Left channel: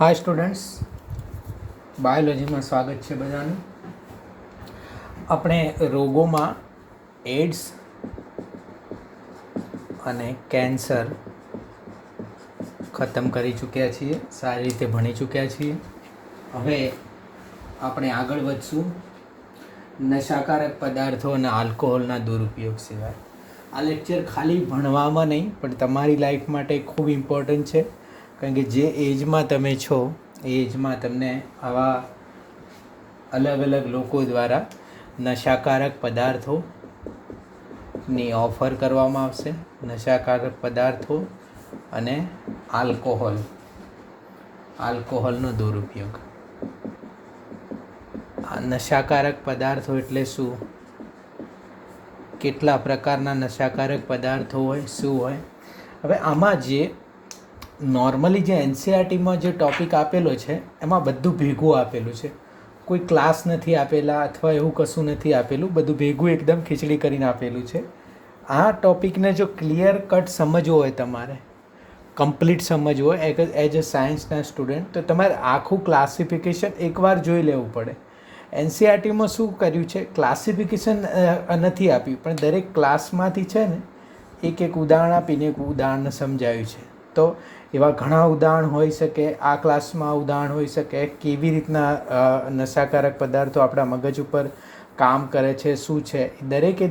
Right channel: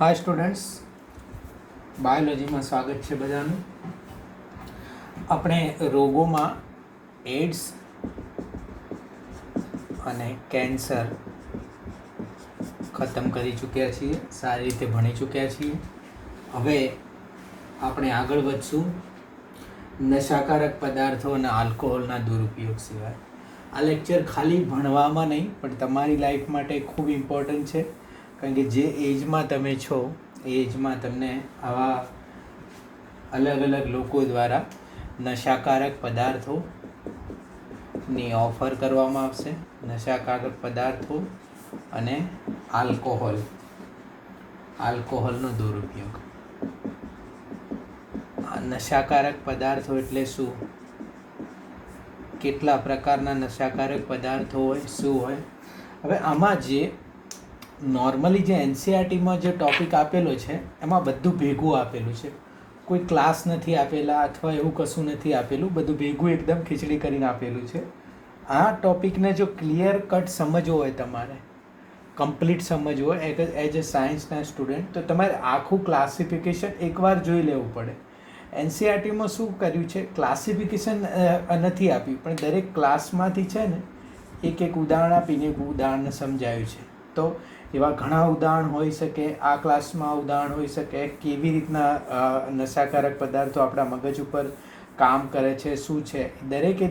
હાય students, બાયોલોજીમાં સ્વાગત છે બધાનું. આપણે રોગોમાં એડ્સ અને કેન્સર ખતમ કરી ચૂક્યા છીએ, સારી રીતે ભણી ચૂક્યા છીએ. હવે આપણે આગળ વધશું નશાકારક પદાર્થો અને આલ્કોહોલના દુરુપયોગ સિવાય. આ લેક્ચર ખાલી ભણવામાં નહીં પણ તમારી લાઈફ માટે ખૂબ ઇમ્પોર્ટન્ટ છે, કારણ કે જે એજમાં તમે છો એ એજમાં તમને આવા અલગ અલગ લોકો દ્વારા નશાકારક પદાર્થોની ઓફર કરવામાં આવશે. નશાકારક પદાર્થો અને આલ્કોહોલનો દુરુપયોગ. આ નશાકારક પદાર્થો એટલે શું, કેટલા પ્રકારના નશાકારક પદાર્થો હોય, શું હોય. હવે આમાં જે નોર્મલી જે એનસીઆરટીમાં જે ટૉપિક આપેલો છે એમાં બધું ભેગું આપેલું છે. કોઈ ક્લાસ નથી આપેલા અથવા એવું કશું નથી આપેલું, બધું ભેગું એકદમ ખીચડી કરીને આપેલું છે. આ ટૉપિકને જો ક્લિયર કટ સમજવો હોય, તમારે કમ્પ્લીટ સમજવું હોય એઝ અ સાયન્સના સ્ટુડન્ટ, તો તમારે આખું ક્લાસિફિકેશન એકવાર જોઈ લેવું પડે. એનસીઆરટીમાં શું કર્યું છે, ક્લાસિફિકેશન નથી આપ્યું, પણ દરેક ક્લાસમાંથી છે ને એક ઉદાહરણ આપીને એક ઉદાહરણ સમજાવ્યું છે. તો એવા ઘણા ઉદાહરણ હોઈ શકે, આ ક્લાસમાં ઉદાહરણ હોઈ શકે કેવી રીતના નશાકારક પદાર્થો આપણા મગજ ઉપર કામ કરે છે, શું છે,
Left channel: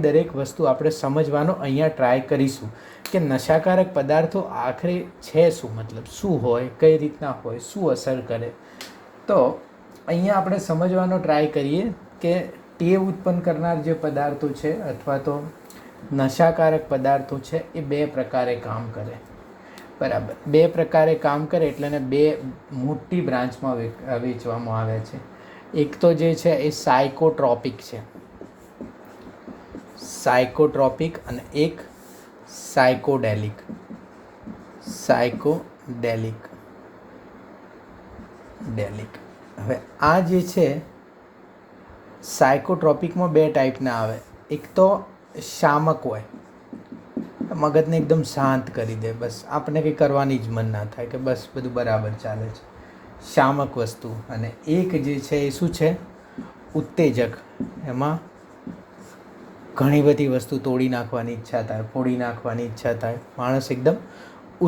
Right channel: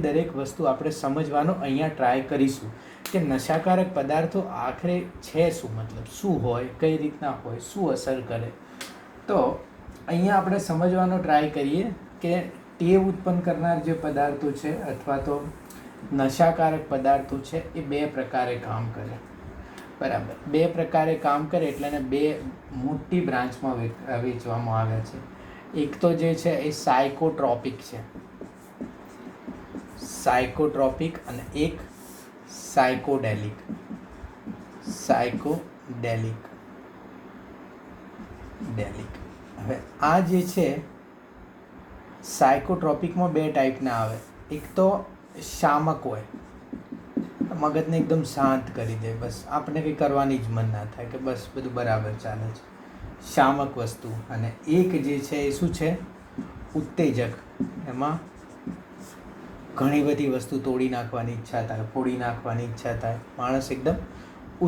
દરેક વસ્તુ આપણે સમજવાનો અહીંયા ટ્રાય કરીશું કે નશાકારક પદાર્થો આખરે છે શું, મતલબ શું હોય, કઈ રીતના હોય, શું અસર કરે. તો અહીંયા આપણે સમજવાનો ટ્રાય કરીએ કે ટેવ ઉત્પન્ન કરનાર જે પદાર્થો છે અથવા તો નશાકારક પદાર્થો છે એ બે પ્રકારે કામ કરે. બરાબર, બે પ્રકારે કામ કરે એટલે એને બે મોટી બ્રાન્ચમાં વેચવામાં આવે છે. એક તો જે છે એ સાયકોટ્રોપિક છે, સાયકોટ્રોપિક, અને એક સાયકોડેલિક. હવે આ જે છે સાયકોટ્રોપિકમાં બે ટાઈપના આવે. એક તો શામક હોય, મગજને એકદમ શાંત કરી દે, બસ આપણે કંઈ કરવાની જ મન ના થાય, કે બસ બધું બરાબર ચાલે છે, શામક વસ્તુ. અને એક જે છે એ શું છે, ઉત્તેજક. એમાં ઘણી બધી વસ્તુ તોડી નાખવાની ઈચ્છા થાય, ફોડી નાખવાની ઈચ્છા થાય, માણસ એકદમ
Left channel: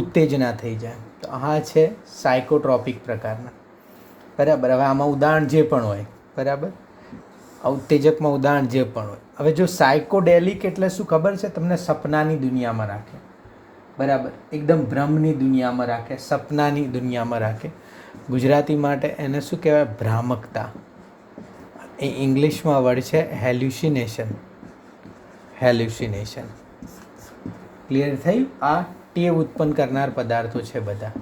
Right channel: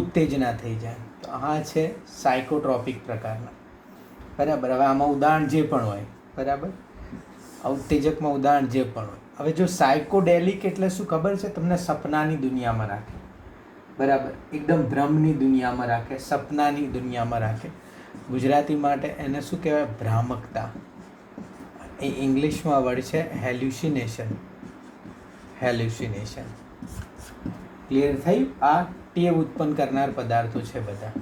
ઉત્તેજના થઈ જાય. તો આ છે સાયકોટ્રોપિક પ્રકારના. બરાબર. હવે આમાં ઉદાહરણ જે પણ હોય, બરાબર, ઉત્તેજકમાં ઉદાહરણ જે પણ હોય. હવે જો સાયકોડેલિક એટલે શું ખબર છે તમને, સપનાની દુનિયામાં રાખે. બરાબર, એકદમ ભ્રમની દુનિયામાં રાખે, સપનાની દુનિયામાં રાખે. ગુજરાતી માટે એને શું કહેવાય, ભ્રામકતા. એ ઇંગ્લિશમાં વર્ડ છે હેલ્યુસિનેશન. ક્લિયર થઈ? આ ટેવ ઉત્પન્ન કરનાર પદાર્થો છે બધા.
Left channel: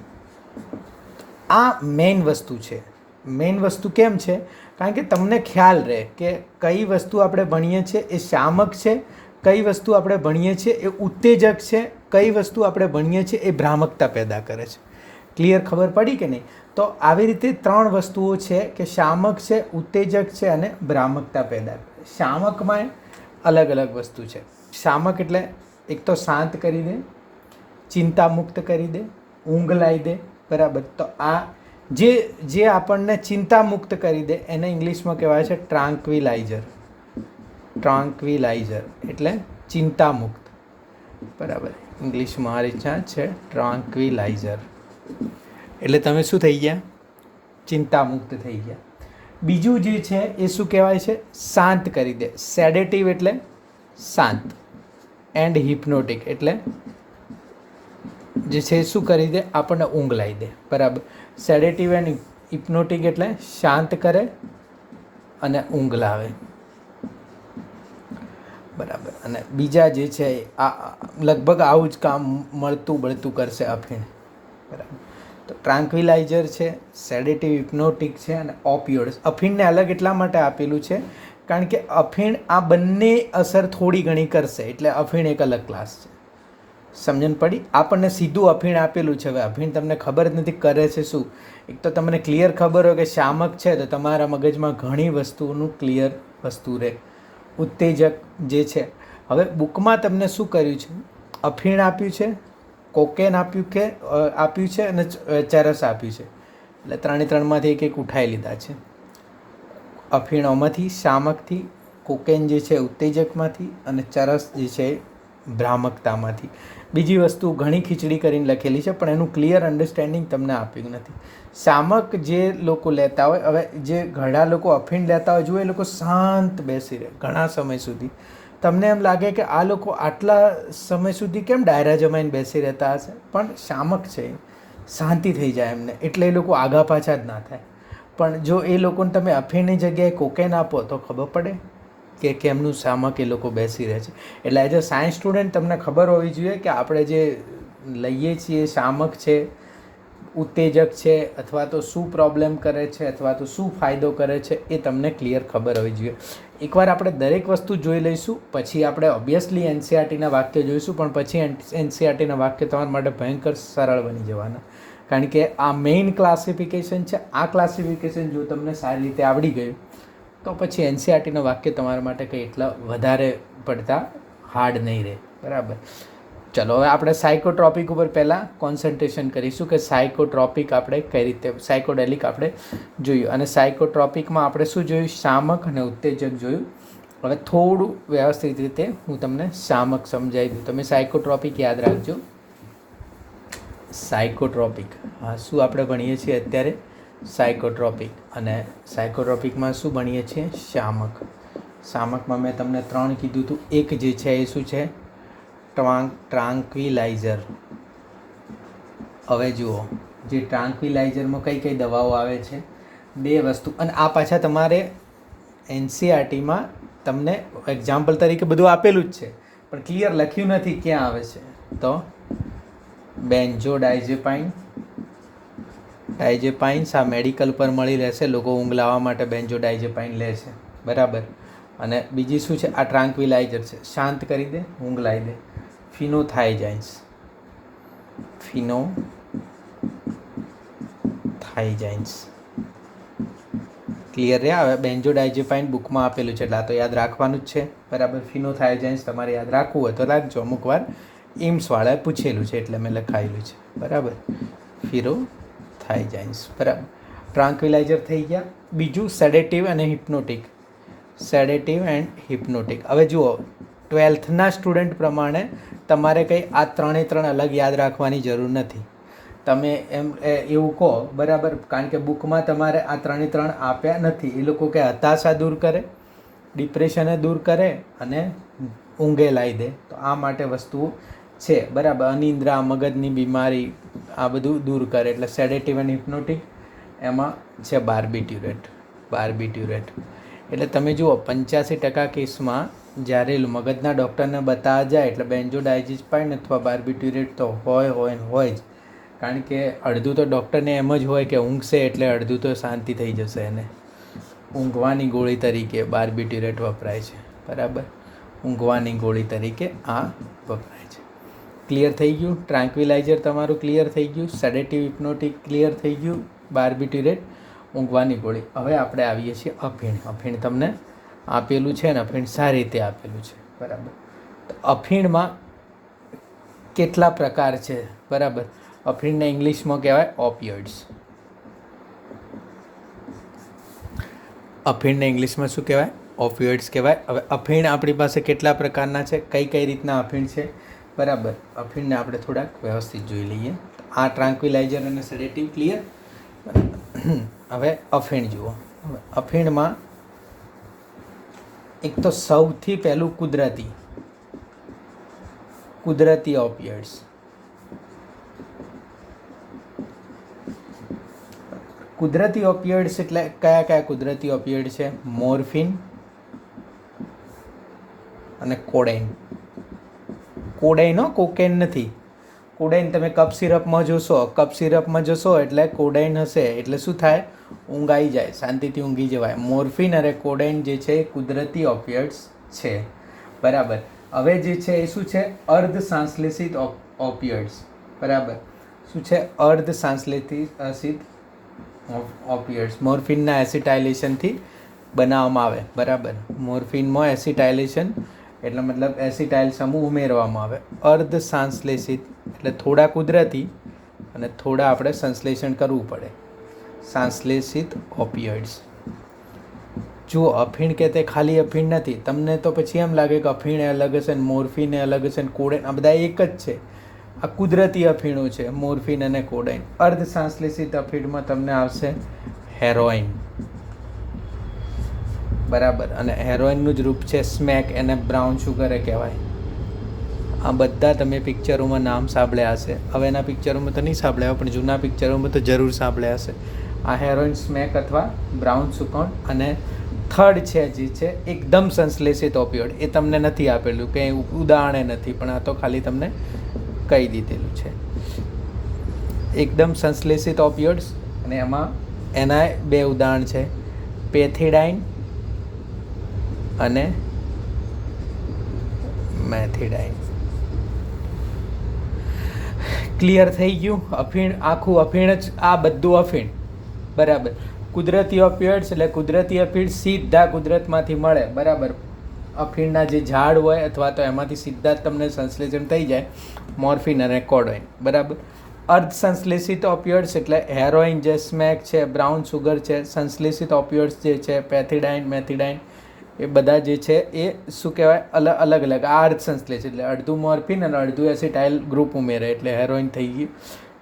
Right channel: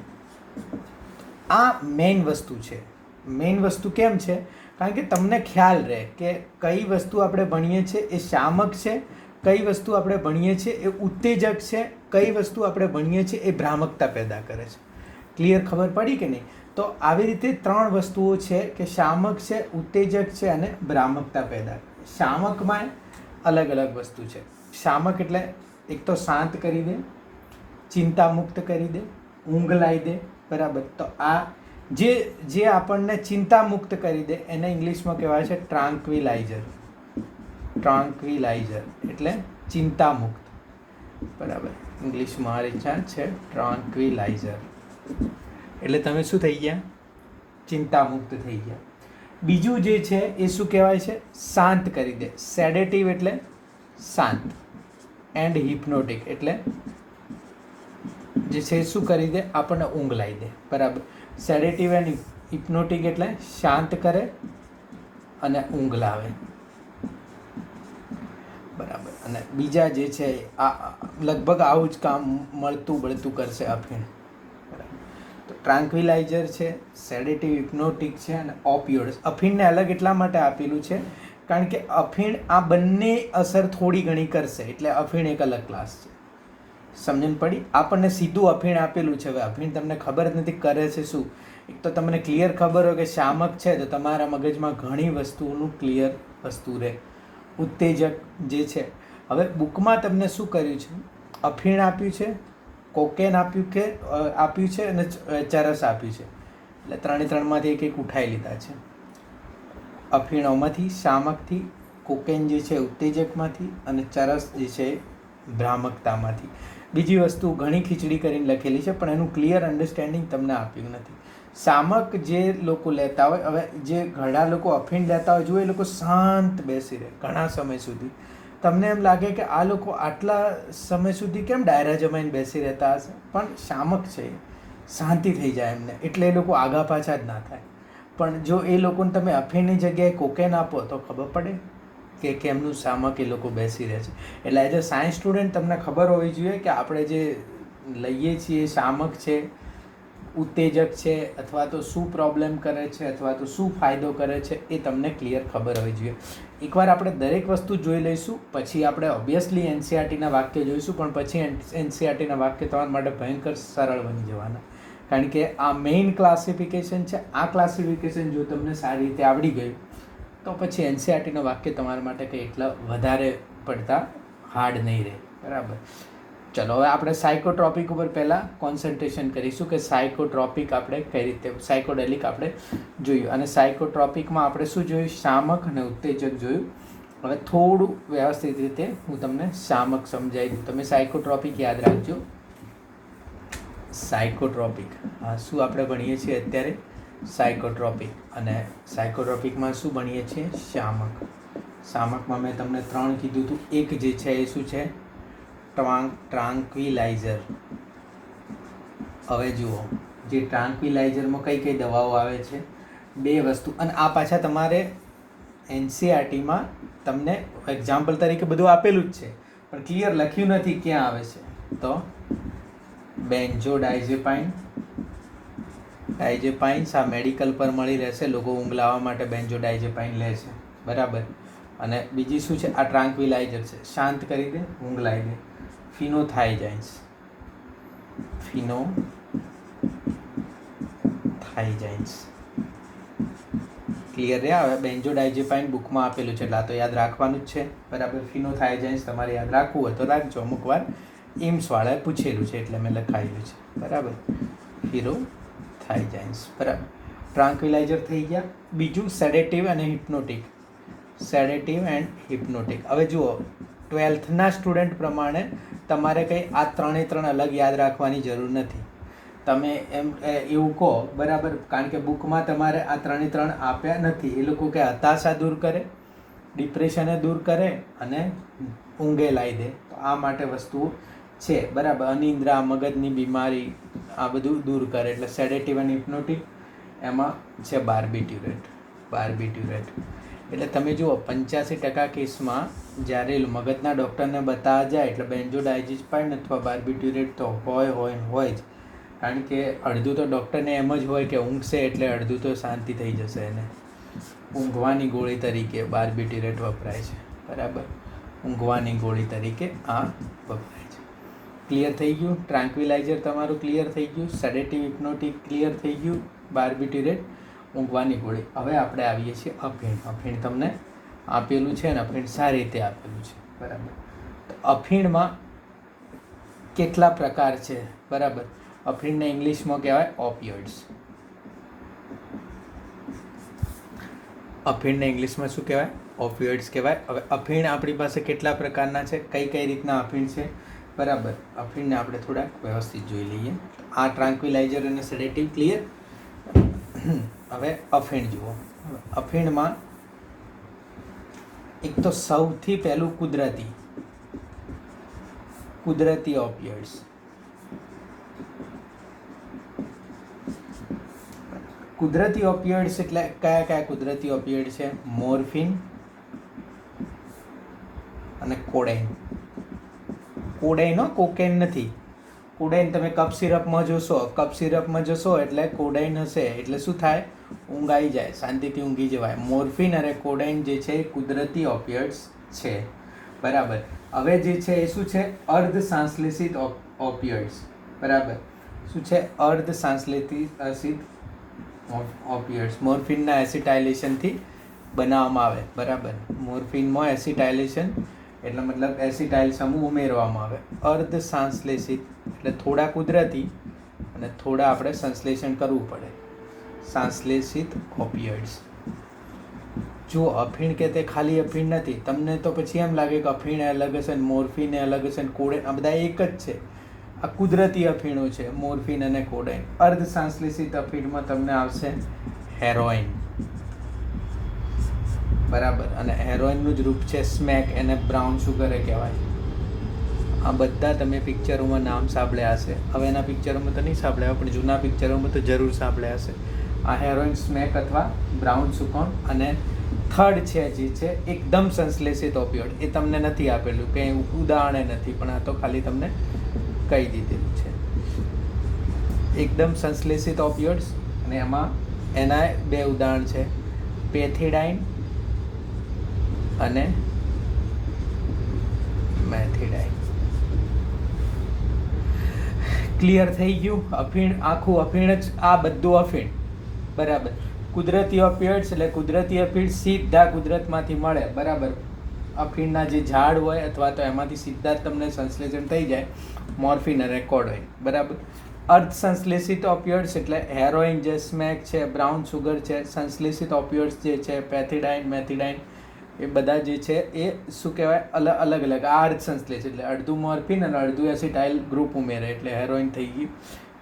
આ મેઇન વસ્તુ છે. મેઇન વસ્તુ કેમ છે, કારણ કે તમને ખ્યાલ રહે કે કઈ વસ્તુ આપણે ભણીએ છીએ એ શામક છે, કઈ વસ્તુ આપણે ભણીએ છીએ એ ઉત્તેજક છે, કઈ વસ્તુ આપણે ભણીએ છીએ એ ભ્રામકતા પેદા કરે છે. ક્લિયર, ખબર પડી કે નહીં? તો આવી રીતે ત્રણ વસ્તુઓ છે કે શામક છે, ઉત્તેજક છે અને ભ્રામકતા પેદા કરે. શામકમાં અલગ અલગ વસ્તુ છે. શામક એટલે એક તો શાંત કરી દે, ચિંતા મુક્ત કરી દે, ઊંઘ લાવી દે. બરાબર. તો આ જે આપણને ચિંતા મુક્ત કરી દે એને ઇંગ્લિશમાં કહેવાય છે ટ્રાન્ક્વિલાઇઝર એટલે ચિંતા મુક્ત. બરાબર, ઇંગ્લિશમાં આ રીતના છે ટ્રાન્ક્વિલાઇઝર. એટલે તમે શું થઈ ગયા, ચિંતા મુક્ત થઈ ગયા. બીજું જે છે એ શું કહેવાય છે, શાંત કરી દે. સેડેટિવ એટલે શાંત, એન્ડ હિપ્નોટિક એટલે જે છે શું કરી દે, આપણને ઊંઘ લાવી દે. બરાબર. સેડેટિવ એન્ડ હિપ્નોટિક એટલે શાંત કરે અને ઊંઘ લાવે. બરાબર. અને બીજા જે છે આ લગભગ આવું જ કામ મળતું કરશે અફીણ. બરાબર. તો ટ્રાન્ક્વિલાઇઝર છે, સેડેટિવ, હિપ્નોટિક છે અને ઓપિયોઇડ્સ. અફીણને અલગ એટલા માટે આપેલું છે કારણ કે અફીણ આ બંને અસર થોડી ઘણી કરશે, એટલે અફીણ એક અલગ ક્લાસ છે. સમજણ પડી? આપણને સીધું અફીણ આપેલું છે. હવે અફીણ તમને ખબર જ નથી કરે છે શું. એક તો તમને ક્લિયર ખબર હોય કે શામક છે તો તમારા મગજમાં ઘણી વસ્તુઓનું ક્લિયર વસ્તુ રહે. ઉત્તેજક જે છે, હવે બુકમાં તમને શું કર્યું છે, અફીણ આપ્યું છે, કોકેન આપ્યું છે અને ચરસ આપ્યું છે. એટલે 3માંથી એક ઉઠાવી લીધા છે. અફીણોમાંથી, શામકથી, કોકેન જે છે ઉત્તેજકમાંથી, અને ચરસ જે છે ભ્રામકતામાંથી. બીજી વસ્તુ ઘણી ખીચડી કરીને લખેલી છે, પણ એનું ક્લિયર અન્ડરસ્ટેન્ડિંગ તમને આપ્યું નથી. શામક જે લોકો લેતા હોય, હવે જે ઘણા લોકો અફીણ લેતા હોય, જો એ લોકો શાંત બેસી રહે ઘણા સમય સુધી, તમને એમ લાગે કે આ લોકો આટલા સમય સુધી કેમ ડાયરા જમાઈને બેસી રહેતા હશે, પણ શામક છે, શાંતિ થઈ જાય એમને, એટલે એ લોકો આગા પાછા જ ના થાય. પણ જો એ લોકોને તમે અફીણની જગ્યાએ કોકેન આપો તો ખબર પડે કે કેમનું શામક એ લોકો બેસી રહે છે. એટલે એઝ અ સાયન્સ સ્ટુડન્ટ તમને ખબર હોવી જોઈએ કે આપણે જે લઈએ છીએ શામક છે, ઉત્તેજક છે, અથવા તો શું પ્રોબ્લેમ કરે છે, અથવા તો શું ફાયદો કરે છે, એ તમને ક્લિયર ખબર હોવી જોઈએ. એકવાર આપણે દરેક વસ્તુ જોઈ લઈશું, પછી આપણે ઓબ્વિયસલી એનસીઆરટીના વાક્ય જોઈશું, પણ પછી એનસીઆરટીના વાક્ય તમારા માટે ભયંકર સરળ બની જવાના, કારણ કે આ મેઇન ક્લાસિફિકેશન છે. આ ક્લાસિફિકેશન જો તમને સારી રીતે આવડી ગયું તો પછી એનસીઆરટીનું વાક્ય તમારા માટે કંઈ એટલા વધારે પડતા હાર્ડ નહીં રહે. બરાબર. ચલો, હવે આપણે સાયકોટ્રોપિક ઉપર પહેલાં કોન્સન્ટ્રેશન કરીશું કે સાયકોટ્રોપિક આપણે કઈ રીતે, સાયકોડેલિક આપણે જોયું, અને સાયકોટ્રોપિકમાં આપણે શું જોયું? શામક અને ઉત્તેજક જોયું. હવે થોડું વ્યવસ્થિત રીતે હું તમને શામક સમજાવી દઉં. તમે સાયકોટ્રોપિક યાદ રાખજો. સાયકોટ્રોપિક, હા, શું આપણે ભણીએ છીએ અત્યારે? સાયકોટ્રોપિક. અને સાયકોટ્રોપિકમાં શું ભણીએ છીએ? શામક. શામકમાં મેં તમને 3 કીધું હતું. એક જે છે એ શું છે? ટ્રાન્ક્વિલાઇઝર. હવે જુઓ, જે ટ્રાન્ક્વિલાઇઝરમાં કઈ કઈ દવાઓ આવે છે? 2 વસ્તુ. અને આ પાછા તમારે એનસીઆરટીમાં તમને એક્ઝામ્પલ તરીકે બધું આપેલું જ છે, પણ ક્લિયર લખ્યું નથી ક્યાં આવે છે. તો બેન્ઝોડાઇઝેપાઇન. ડાઇઝેપાઇન્સ આ મેડિકલ પર મળી રહેશે, લોકો ઊંઘ લાવવા માટે બેન્ઝોડાઇઝેપાઇન લે છે. બરાબર. અને બીજી શું છે? આ ટ્રાન્ક્વિલાઇઝર છે, શાંત કરી દે, ઊંઘ લાવી દે. ફિનોથાઇજાઇન્સ. ફિનોથાઇજાઇન્સ. ક્લિયર રહ્યા? હવે બેન્ઝોડાઇઝેપાઇન બુકમાં આપેલું છે, એટલે આ તો યાદ રાખવાનું જ છે. બરાબર. ફિનોથાઇજાઇન્સ તમારે યાદ રાખવું હોય તો રાખજો, અમુક વાર એમ્સવાળાએ પૂછેલું છે એટલે મેં લખાયેલું છે. બરાબર. ફિનોથાઇજાઇન્સ. બરાબર. ટ્રાન્ક્વિલાઇઝર થઈ ગયા. બીજું સેડેટિવ અને હિપ્નોટિક. સેડેટિવ એન્ડ હિપ્નોટિક. હવે જુઓ, 12થના સ્ટુડન્ટ પ્રમાણે તમારે કંઈ આ 3 અલગ યાદ રાખવાની જરૂર નથી. તમે એમ એવું કહો, બરાબર, કારણ કે બુકમાં તમારે આ 3 આપ્યા નથી. એ લોકો કે હતાશા દૂર કરે, ડિપ્રેશને દૂર કરે અને ઊંઘે લાવી દે. તો આ માટે વસ્તુઓ છે. બરાબર. અનિદ્રા, મગજની બીમારી, આ બધું દૂર કરે. એટલે સેડેટિવ અને હિપ્નોટિક. એમાં છે બાર્બિટ્યુરેટ. બાર્બિટ્યુરેટ એટલે તમે જુઓ 85% કેસમાં જ્યારે મગજના ડૉક્ટરને બતાવવા જાય એટલે બેન્ઝોડાઇઝેપાઇન અથવા બાર્બિટ્યુરેટ તો હોય જ, કારણ કે અડધું તો ડૉક્ટરને એમ જ હોય કે ઊંઘશે એટલે અડધું તો શાંતિ થઈ જશે એને. ઊંઘવાની ગોળી તરીકે બાર્બિટ્યુરેટ વપરાય છે. બરાબર. ઊંઘવાની ગોળી તરીકે આ વપરાય છે. ક્લિયર થઈ ગયું? ટ્રાન્ક્વિલાઇઝર તમારું ક્લિયર થઈ ગયું. સેડેટિવ, હિપ્નોટિક ક્લિયર થઈ ગયું. બાર્બિટ્યુરેટ ઊંઘવાની ગોળી. હવે આપણે આવીએ છીએ અફીણ. અફીણ તમને આપેલું છે ને, અફીણ સારી રીતે આપેલું છે. બરાબર. તો અફીણમાં કેટલા પ્રકાર છે? બરાબર. અફીણને ઇંગ્લિશમાં કહેવાય ઓપિયોઇડ્સ. અફીણને ઇંગ્લિશમાં શું કહેવાય? ઓપિયોઇડ્સ કહેવાય. હવે અફીણ આપણી પાસે કેટલા પ્રકારના છે, કઈ રીતના અફીણ છે? બરાબર. અફીણને આપણે થોડાક વ્યવસ્થિત જોઈ લઈએ. આ ટ્રાન્ક્વિલાઇઝર અને સેડેટિવ ક્લિયર. હવે અફીણ જુઓ. અફીણમાં એક તો સૌથી પહેલું કુદરતી ઓપિયોઇડ્સ. કુદરતી ઓપિયોઇડ્સ એટલે કયા કુદરતી ઓપિયોઇડ છે? મોર્ફિન અને કોડેઇન. કોડેઇન, કોકેન નથી. કોડેઇન તમે કપ સિરપમાં જશો એટલે કોડેઇન હશે, એટલે શું થાય? ઊંઘ આવી જાય, શાંતિથી ઊંઘી જવાય. મોર્ફિન અને કોડેઇન જે છે એ કુદરતી ઓપિયોઇડ્સ છે. બરાબર. હવે જે છે એ શું છે? અર્ધ સંશ્લેષિત ઓપિયોઇડ્સ. બરાબર. શું છે? અર્ધ સંશ્લેષિત ઓપિયોઇડ્સ. મોર્ફિનના એસિટાઇલેશનથી બનાવવામાં આવે. બરાબર. મોર્ફિનમાં એસિટાઇલેશન એટલે મતલબ એસિટાઇલ સમૂહ ઉમેરવામાં આવે. અર્ધ સંશ્લેષિત એટલે થોડા કુદરતી અને થોડા આપણે સંશ્લેષણ કરવું પડે. સંશ્લેષિત ઓપિયોઇડ્સ. જો અફીણ કે તે ખાલી અફીણ નથી. તમને તો પછી એમ લાગે કે અફીણ અલગ હશે ને મોર્ફિન અલગ હશે ને કોડેન, આ બધા એક જ છે. આ કુદરતી અફીણો છે, મોર્ફિન અને કોડેન. અર્ધ સંશ્લેષિત અફીણમાં તમને આવશે હેરોઇન, બરાબર. અને હેરોઇનનું જ રૂપ છે સ્મેક, એને બ્રાઉન શુગરે કહેવાય. આ બધા તમે પિક્ચરોમાં નામ સાંભળ્યા હશે. હવે એના પિક્ચરોમાં તો નહીં સાંભળ્યા, પણ જૂના પિક્ચરોમાં તો જરૂર સાંભળ્યા હશે. આ હેરોઇન, સ્મેક અથવા બ્રાઉન સુકોન. અને થર્ડ છે જે છે એકદમ સંશ્લેષિત ઓપિયોઇડ. એ તમને નથી આપેલું, કંઈ ઉદાહરણે નથી, પણ આ તો ખાલી તમને કહી દીધેલું છે. એકદમ સંશ્લેષિત ઓપિયોઇડ્સ, અને એમાં એના બે ઉદાહરણ છે, પેથિડાઇન અને મેથિડાઇન. ક્લિયર થઈ ગયું? અફીણ, આખું અફીણ જ, આ બધું અફીણ, બરાબર. કુદરતી ઓપિયોઇડ્સ એટલે કુદરતી અફીણ સીધા કુદરતમાંથી મળે, બરાબર. અફીણના જે ઝાડ હોય અથવા તો એમાંથી સીધા જ તમને સંશ્લેષણ થઈ જાય, મોર્ફિન અને કોડોઇન, બરાબર. અર્ધ સંશ્લેષિત ઓપિયોઇડ્સ એટલે હેરોઇન જે સ્મેક છે, બ્રાઉન સુગર છે. સંશ્લેષિત ઓપિયોઇડ્સ જે છે પેથિડાઇન, મેથિડાઇન, એ બધા જે છે એ શું કહેવાય, અલગ અલગ. આ અર્ધ સંશ્લેષિત એટલે અડધું મોર્ફિન અને અડધું એસિટાઇલ ગ્રુપ ઉમેરે એટલે હેરોઇન થઈ ગયું.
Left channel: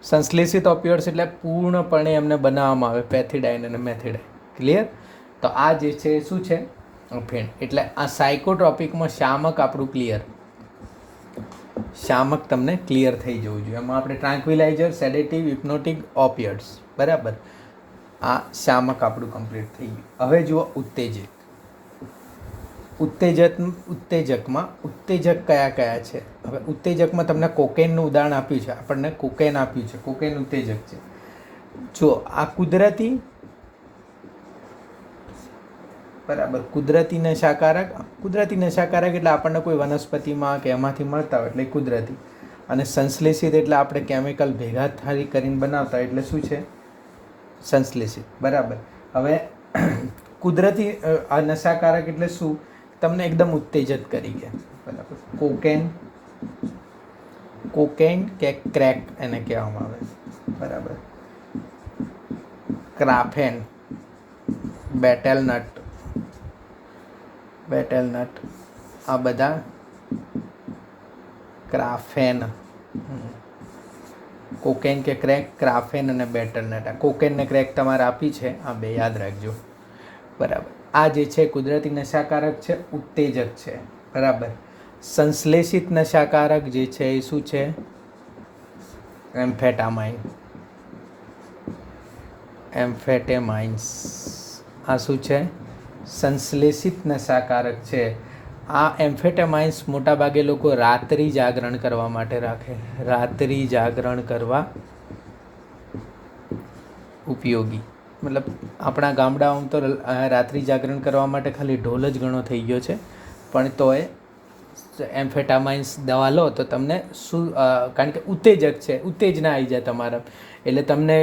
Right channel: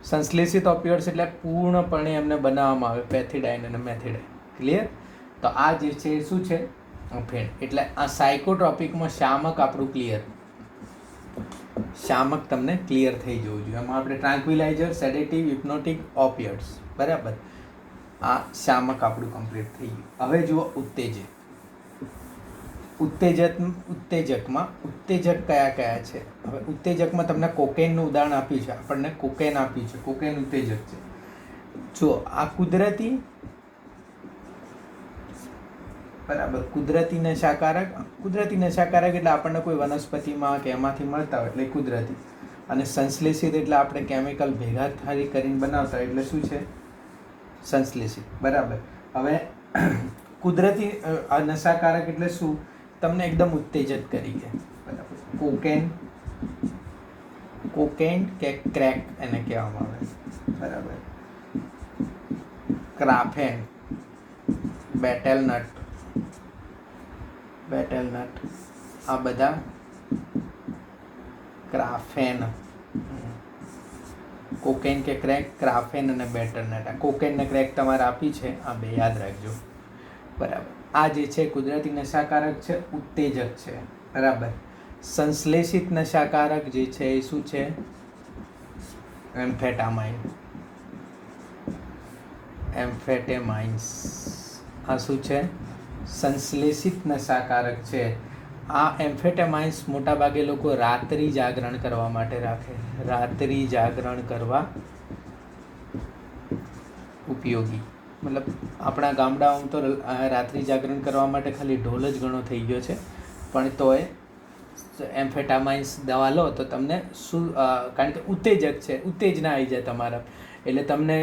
સંશ્લેષિત ઓપિયોઇડ્સ એટલે પૂર્ણપણે એમને બનાવવામાં આવે, પેથિડાઇન અને મેથિડાઇન. ક્લિયર? તો આ જે છે એ શું છે, અફીણ. એટલે આ સાયકોટ્રોપિકમાં શામક આપણું ક્લિયર, શામક તમને ક્લિયર થઈ જવું જોઈએ. એમાં આપણે ટ્રાન્ક્વિલાઇઝર, સેડેટિવ, હિપ્નોટિક, ઓપિયોઇડ્સ, બરાબર. આ શામક આપણું કમ્પ્લીટ થઈ ગયું. હવે જુઓ ઉત્તેજક. ઉત્તેજકમાં ઉત્તેજક કયા કયા છે? હવે ઉત્તેજકમાં તમને કોકેનનું ઉદાહરણ આપ્યું છે, આપણને કોકેન આપ્યું છે, કોકેન ઉત્તેજક છે. જો આ કુદરતી, બરાબર, કુદરતી નશાકારક. કુદરતી નશાકારક એટલે આપણને કોઈ વનસ્પતિમાં કે એમાંથી મળતા હોય એટલે કુદરતી. અને સંશ્લેષિત એટલે આપણે કેમિકલ ભેગા કરીને બનાવતા એટલે શું છે, સંશ્લેષિત, બરાબર. હવે કુદરતી નશાકારક એટલે શું, તમને એકદમ ઉત્તેજિત કરી કે, બરાબર. કોકેન કે ક્રેક એને કહેવામાં આવે, બરાબર. ક્રાફેન, બેટેલનટ, આ બધા ક્રાફેન. કોકેન કે ક્રેક, ક્રાફેન અને બેટેલનટ. આ કોકેન ને ક્રેક તમારે આપી છે, આ બે યાદ રાખજો, બરાબર. આ જે છે કુદરતી નશાકારક છે, ઉત્તેજક છે, બરાબર. સંશ્લેષિત નશાકારક જે છે એ શું છે, એમ્ફેટામાઇન્સ. આ શું છે, સંશ્લેષિત નશાકારક છે. આ એમ્ફેટામાઇન્સ મોટાભાગે લોકો રાત્રિ જાગરણ કરવા માટે રાખે, રાત્રિ જાગરણ કરવા ઉપયોગી. મતલબ આપણા ગામડાઓમાં તો રાત્રિ જાગરણ કરવા માટે ખાલી ઢોલ જ ઘણો થઈ ગયો છે, પણ તોય એમ્ફેટામાઇન્સ દવા લો તો તમને શું, કારણ કે ઉત્તેજક છે, ઉત્તેજના આવી જાય તમારા, એટલે તમને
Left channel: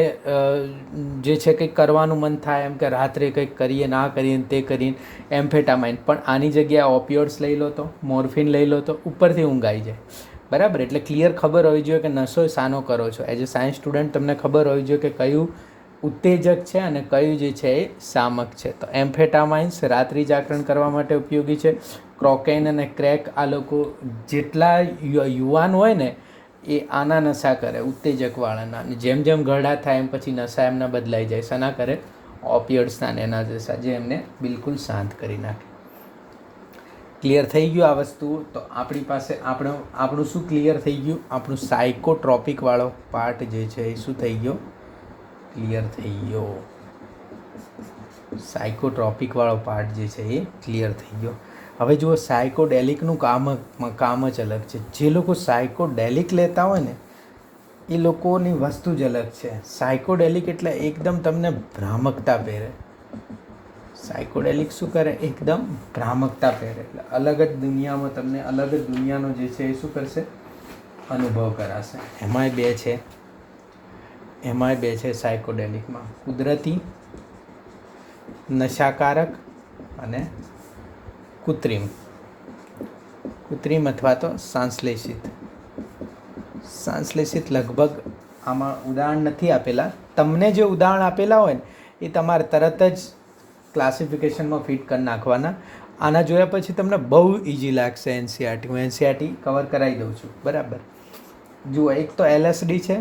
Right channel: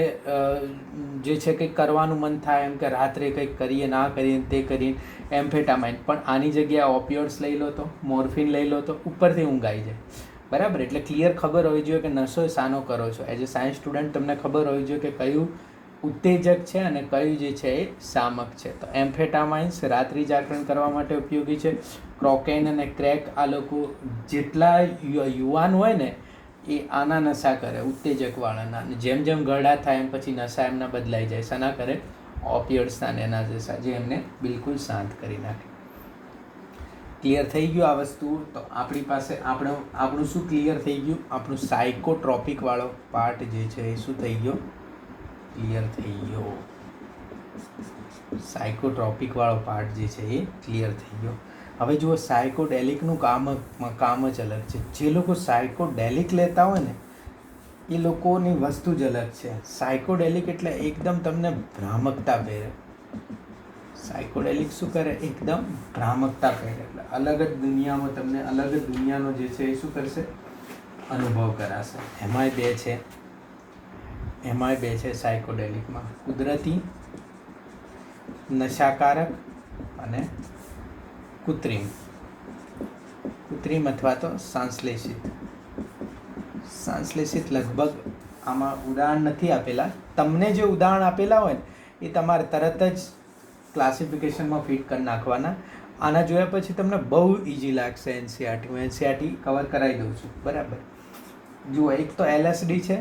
જે છે કંઈક કરવાનું મન થાય, એમ કે રાત્રે કંઈક કરીએ, ના કરીએ, તે કરીએ, એમ્ફેટામાઇન. પણ આની જગ્યાએ ઓપિયોઇડ્સ લઈ લો તો, મોર્ફિન લઈ લો તો ઉપરથી ઊંઘ આવી જાય, બરાબર. એટલે ક્લિયર ખબર હોવી જોઈએ કે નશો શાનો કરો છો. એઝ એ સાયન્સ સ્ટુડન્ટ તમને ખબર હોવી જોઈએ કે કયું ઉત્તેજક છે અને કયું જે છે એ શામક છે. તો એમ્ફેટામાઇન્સ રાત્રિ જાગરણ કરવા માટે ઉપયોગી છે. કોકેન અને ક્રેક, આ લોકો જેટલા યુવાન હોય ને એ આના નશા કરે, ઉત્તેજકવાળાના. અને જેમ જેમ ઘરડા થાય એમ પછી નશા એમના બદલાઈ જાય. શાના કરે? ઓપિયોઇડ્સના ને એના નશા, જે એમને બિલકુલ શાંત કરી નાખે. ક્લિયર થઈ ગયું આ વસ્તુ? તો આપણી પાસે આપણું શું ક્લિયર થઈ ગયું? આપણું સાયકોટ્રોપિક વાળો પાર્ટ જે છે એ શું થઈ ગયો? ક્લિયર થઈ ગયો. સાયકોટ્રોપિક વાળો પાર્ટ જે છે એ ક્લિયર થઈ ગયો. હવે જુઓ, સાયકોડેલિકનું કામ જ અલગ છે. જે લોકો સાયકોડેલિક લેતા હોય ને એ લોકોની વસ્તુ જ અલગ છે. સાયકોડેલિક એટલે એકદમ તમને ભ્રામકતા પહેરે. સાયકોડેલિક શું કરે? એકદમ ભ્રામકતા પહેરે, એટલે અલગ જ દુનિયામાં તમને અલગ જ દુનિયાનો જે છે એ શું કરશે? અનુભવ કરાશે. એમાંય બે છે સાયકોડેલિકમાં, કુદરતી નશાકારક અને કૃત્રિમ અથવા તો સંશ્લેષિત લગભગ આમાં ઉદાહરણ નથી આપેલા. તમને જે ઉદાહરણ આપેલા હોય ને એ તમારે તરત જ ક્લાસિફિકેશનમાં ફિટ કરી નાખવાના. આના જોયા પછી તમને બહુ ઇઝી લાગશે એનસીઆરટી. હું એનસીઆરટી કવર કરાવી દઉં છું, બરાબર. જુઓ, એક તો LSD છે,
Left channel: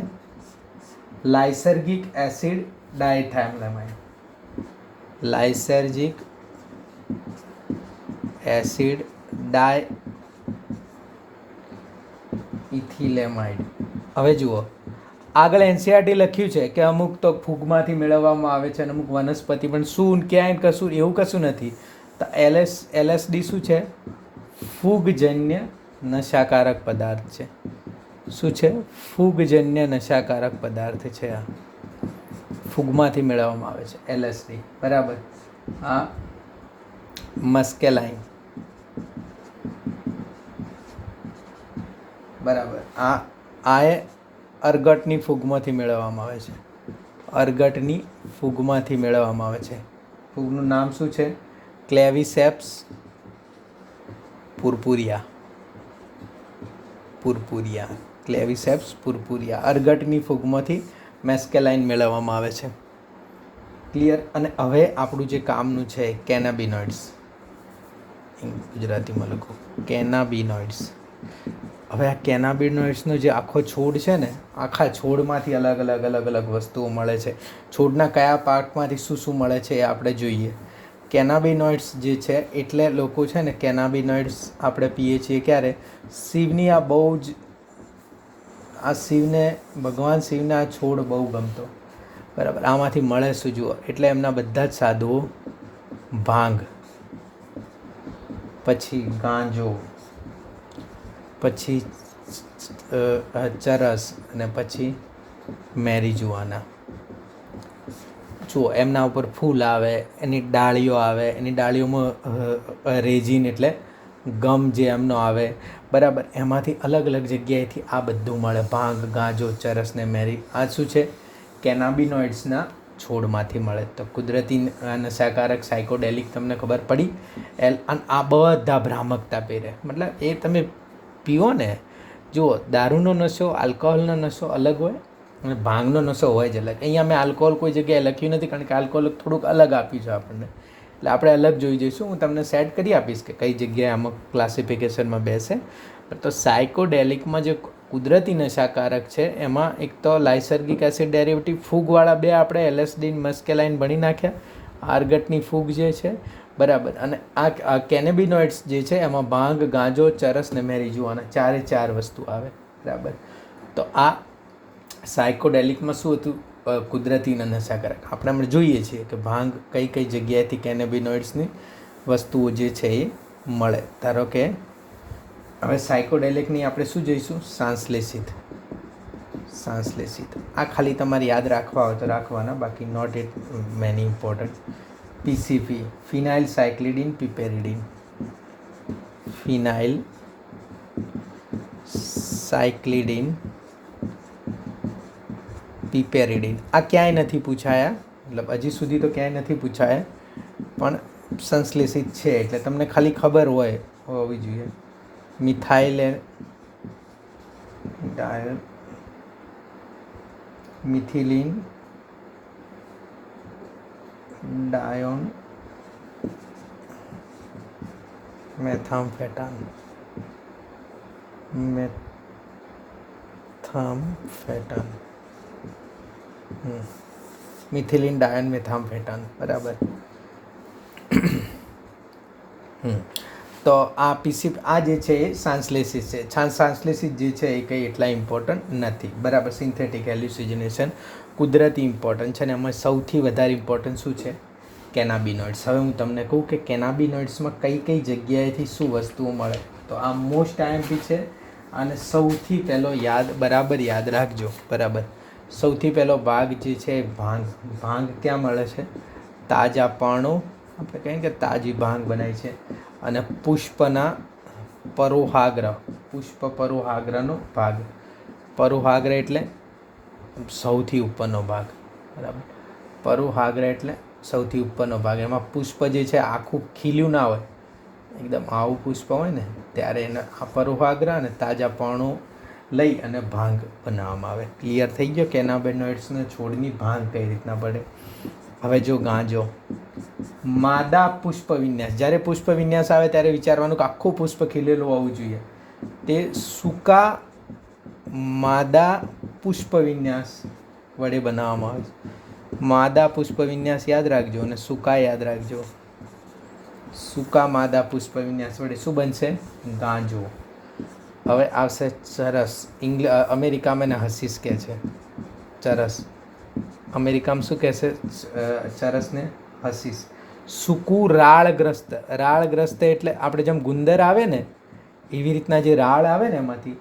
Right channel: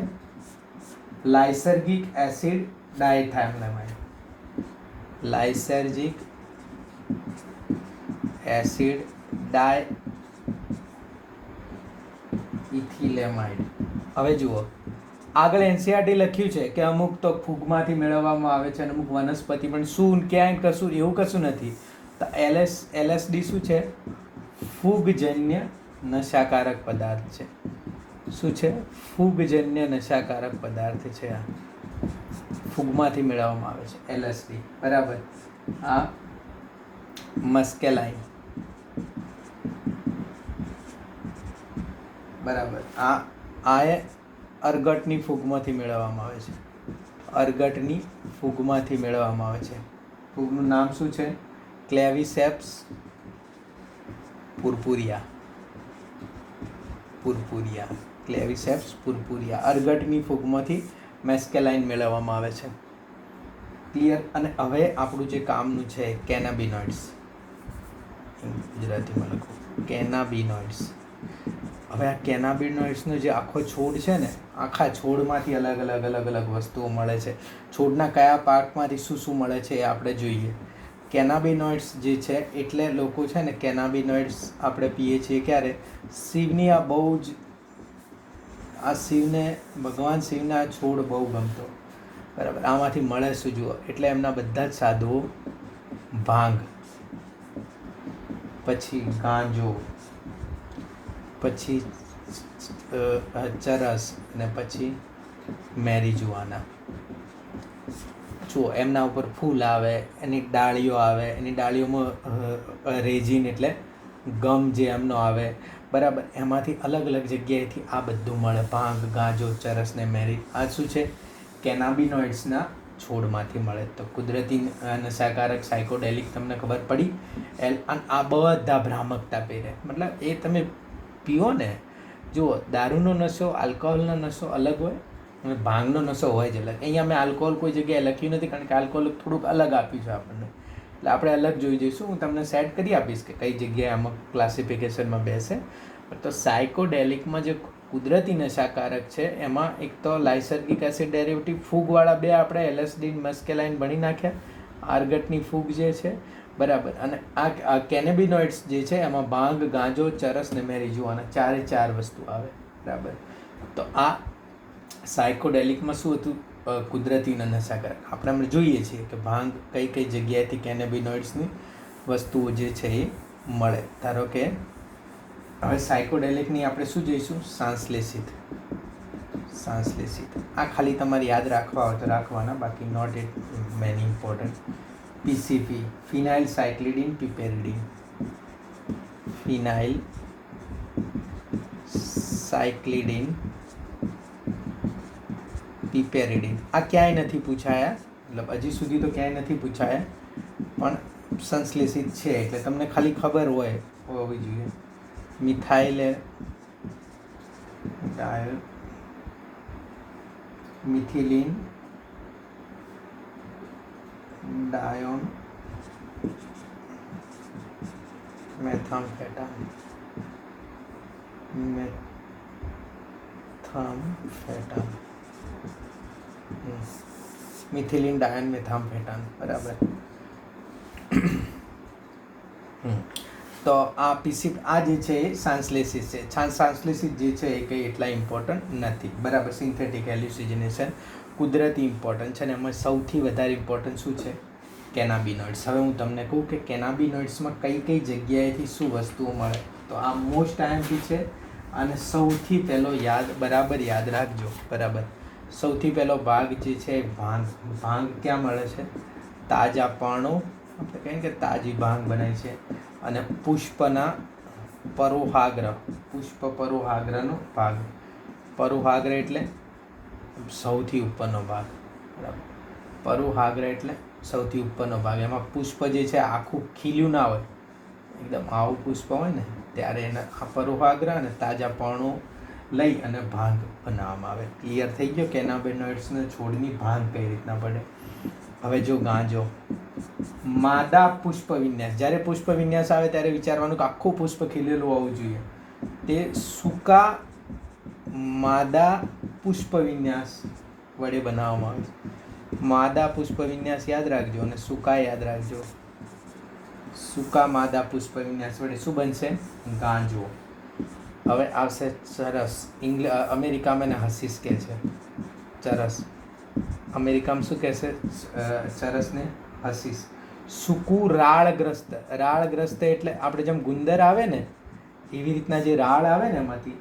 લાઇસર્ગિક એસિડ ડાયથાઇલેમાઇડ. લાઇસર્ગિક એસિડ ડાયઇથિલેમાઇડ. હવે જુઓ, આગળ એનસીઆરટી લખ્યું છે કે અમુક તો ફૂગમાંથી મેળવવામાં આવે છે અને અમુક વનસ્પતિ, પણ શું ક્યાંય કશું એવું કશું નથી. તો LSD શું છે? ફૂગજન્ય નશાકારક પદાર્થ છે. શું છે? ફૂગજન્ય નશાકારક પદાર્થ છે. આ ફૂગમાંથી મેળવવામાં આવે છે LSD, બરાબર. આ મસ્કેલાઇન, બરાબર. આ અર્ગટની ફૂગમાંથી મેળવવામાં આવે છે. અર્ગટની ફૂગમાંથી મેળવવામાં આવે છે. ફૂગનું નામ શું છે? ક્લેવિસેપ્સ પુર્પુરિયા. ક્લેવિસેપ્સ પુર્પુરિયા. અર્ગટની ફૂગમાંથી મેસ્કેલાઇન મેળવવામાં આવે છે. ક્લિયર? અને હવે આપણું જે કામનું છે કેનાબિનોઇડ્સ, ગુજરાતીમાં લખો કેનાબિનોઇડ્સ. હવે આ કેનાબિનોઇડ્સનો જે આખો છોડ છે ને, આખા છોડમાંથી અલગ અલગ વસ્તુઓ મળે છે. છોડના કયા પાર્ટમાંથી શું શું મળે છે એ આપણે જોઈએ. કેનાબિનોઇડ્સ જે છે, એટલે લોકો છે ને કેનાબિનોઇડ્સ આપણે પીએ છીએ ક્યારે? શિવની આ બહુ જ, આ શિવને, ભગવાન શિવને આ છોડ બહુ ગમતો, બરાબર. આમાંથી મળે શું? જુઓ, એટલે એમના બધા જ સાધુઓ ભાંગ, પછી ગાંજો, પછી ચરસ અને પછી મેરીજુઆના. જુઓ, એમના ઉપર ફૂલ આવે, એની ડાળીઓ આવે, એની ડાળીઓમાં રેઝિન એટલે ગમ જે એમનો આવે, બરાબર. એમાંથી અલગ અલગ જગ્યાએથી આ બધું મળે. ભાંગ, ગાંજો, ચરસ ને મેરી. આ શું છે? કેનાબિનોઇડ્સના છોડમાંથી મળે. તો કુદરતી નશાકારક સાયકોડેલિક તમને ખબર પડી. આ બધા ભ્રામકતા પહેરે, મતલબ એ તમે પીવો ને, જુઓ, દારૂનો નશો, આલ્કોહોલનો નશો અલગ હોય અને ભાંગનો નશો હોય જ અલગ. અહીંયા મેં આલ્કોહોલ કોઈ જગ્યાએ લખ્યું નથી, કારણ કે આલ્કોહોલ થોડુંક અલગ આપ્યું છે આપણને, એટલે આપણે અલગ જોઈ જઈશું. હું તમને સેટ કરી આપીશ કે કઈ જગ્યાએ અમુક ક્લાસિફિકેશનમાં બેસે. તો સાયકોડેલિકમાં જે કુદરતી નશાકારક છે એમાં એક તો લાઇસર્ગિક એસિડ ડેરિવેટિવ, ફૂગવાળા બે આપણે LSD મસ્કેલાઇન ભણી નાખ્યા, આર્ગટની ફૂગ જે છે, બરાબર. અને આ કેનેબિનોઇડ્સ જે છે એમાં ભાંગ, ગાંજો, ચરસ ને મેરીજુઆના ચાર વસ્તુ આવે, બરાબર. તો આ સાયકોડેલિકમાં શું હતું? કુદરતી નશાકારક. આપણે હમણાં જોઈએ છીએ કે ભાંગ કઈ કઈ જગ્યાએથી કેનેબિનોઇડ્સની વસ્તુઓ જે છે એ મળે. ધારો કે હવે સાયકોડેલિકની આપણે શું જોઈશું? સાંશ્લેષિત. આ ખાલી તમારે યાદ રાખવા હોય તો રાખવાના, બાકી not it many important. PCP, phenyl cyclidine piperidine. Phenyl cyclidine piperidine. આ ક્યાંય નથી પૂછાયા, મતલબ હજી સુધી તો ક્યાંય નથી પૂછાયા, પણ સંશ્લેષિત છે એટલે તમને ખાલી ખબર હોવી જોઈએ. Methyl methylene ડાયોન મેથામ્ફેટાન. મિથિલિન ડાયોન મેથામ્ફેટાન, બરાબર. તો આ PCP આ જે છે એ સાંશ્લેષિત છે. સાંશ્લેષિત જે છે એ કંઈ એટલા ઇમ્પોર્ટન્ટ નથી, બરાબર. સિન્થેટિક એલ્યુસિજનેશન કુદરતી ઇમ્પોર્ટન્ટ છે, અને એમાં સૌથી વધારે ઇમ્પોર્ટન્ટ શું છે? કેનાબિનોઇડ્સ. હવે હું તમને કહું કે કેનાબિનોઇડ્સમાં કઈ કઈ જગ્યાએથી શું વસ્તુઓ મળે. તો આ મોસ્ટ IMP છે, અને સૌથી પહેલો બરાબર યાદ રાખજો, બરાબર. સૌથી પહેલો ભાગ જે છે ભાંગ. ભાંગ ક્યાં મળે છે? તાજા પર્ણો, આપણે કહીએ કે તાજી ભાંગ બનાય છે. અને પુષ્પના પરોહાગ્ર, પુષ્પ પરોહાગ્રનો ભાગ. પરોહાગ્ર એટલે સૌથી ઉપરનો ભાગ, બરાબર. પરોહાગ્ર એટલે સૌથી ઉપરનો ભાગ. એમાં પુષ્પ જે છે આખું ખીલ્યું ના હોય, એકદમ આવું પુષ્પ હોય ને ત્યારે એને આ પરોહાગ્ર અને તાજા પર્ણો લઈ અને ભાંગ બનાવવામાં આવે. ક્લિયર થઈ ગયો? કેનાબિનોઇડ્સને છોડની ભાંગ કઈ રીતના પડે. હવે જો ગાંજો, માદા પુષ્પ વિન્યાસ. જ્યારે પુષ્પ વિન્યાસ આવે ત્યારે વિચારવાનું કે આખું પુષ્પ ખીલેલું હોવું જોઈએ. તે સૂકા માદા પુષ્પ વિન્યાસ વડે બનાવવામાં આવે છે. માદા પુષ્પ વિન્યાસ યાદ રાખજો અને સૂકા યાદ રાખજો. સૂકા માદા પુષ્પ વિન્યાસ વડે શું બનશે? ગાંજો. હવે આવશે ચરસ. અમેરિકામાં એને હસીસ કહે છે. ચરસ અમેરિકામાં શું કહેશે? ચરસને હસીસ. સૂકું રાળગ્રસ્ત. રાળગ્રસ્ત એટલે આપણે જેમ ગુંદર આવે ને એવી રીતના જે રાળ આવે ને એમાંથી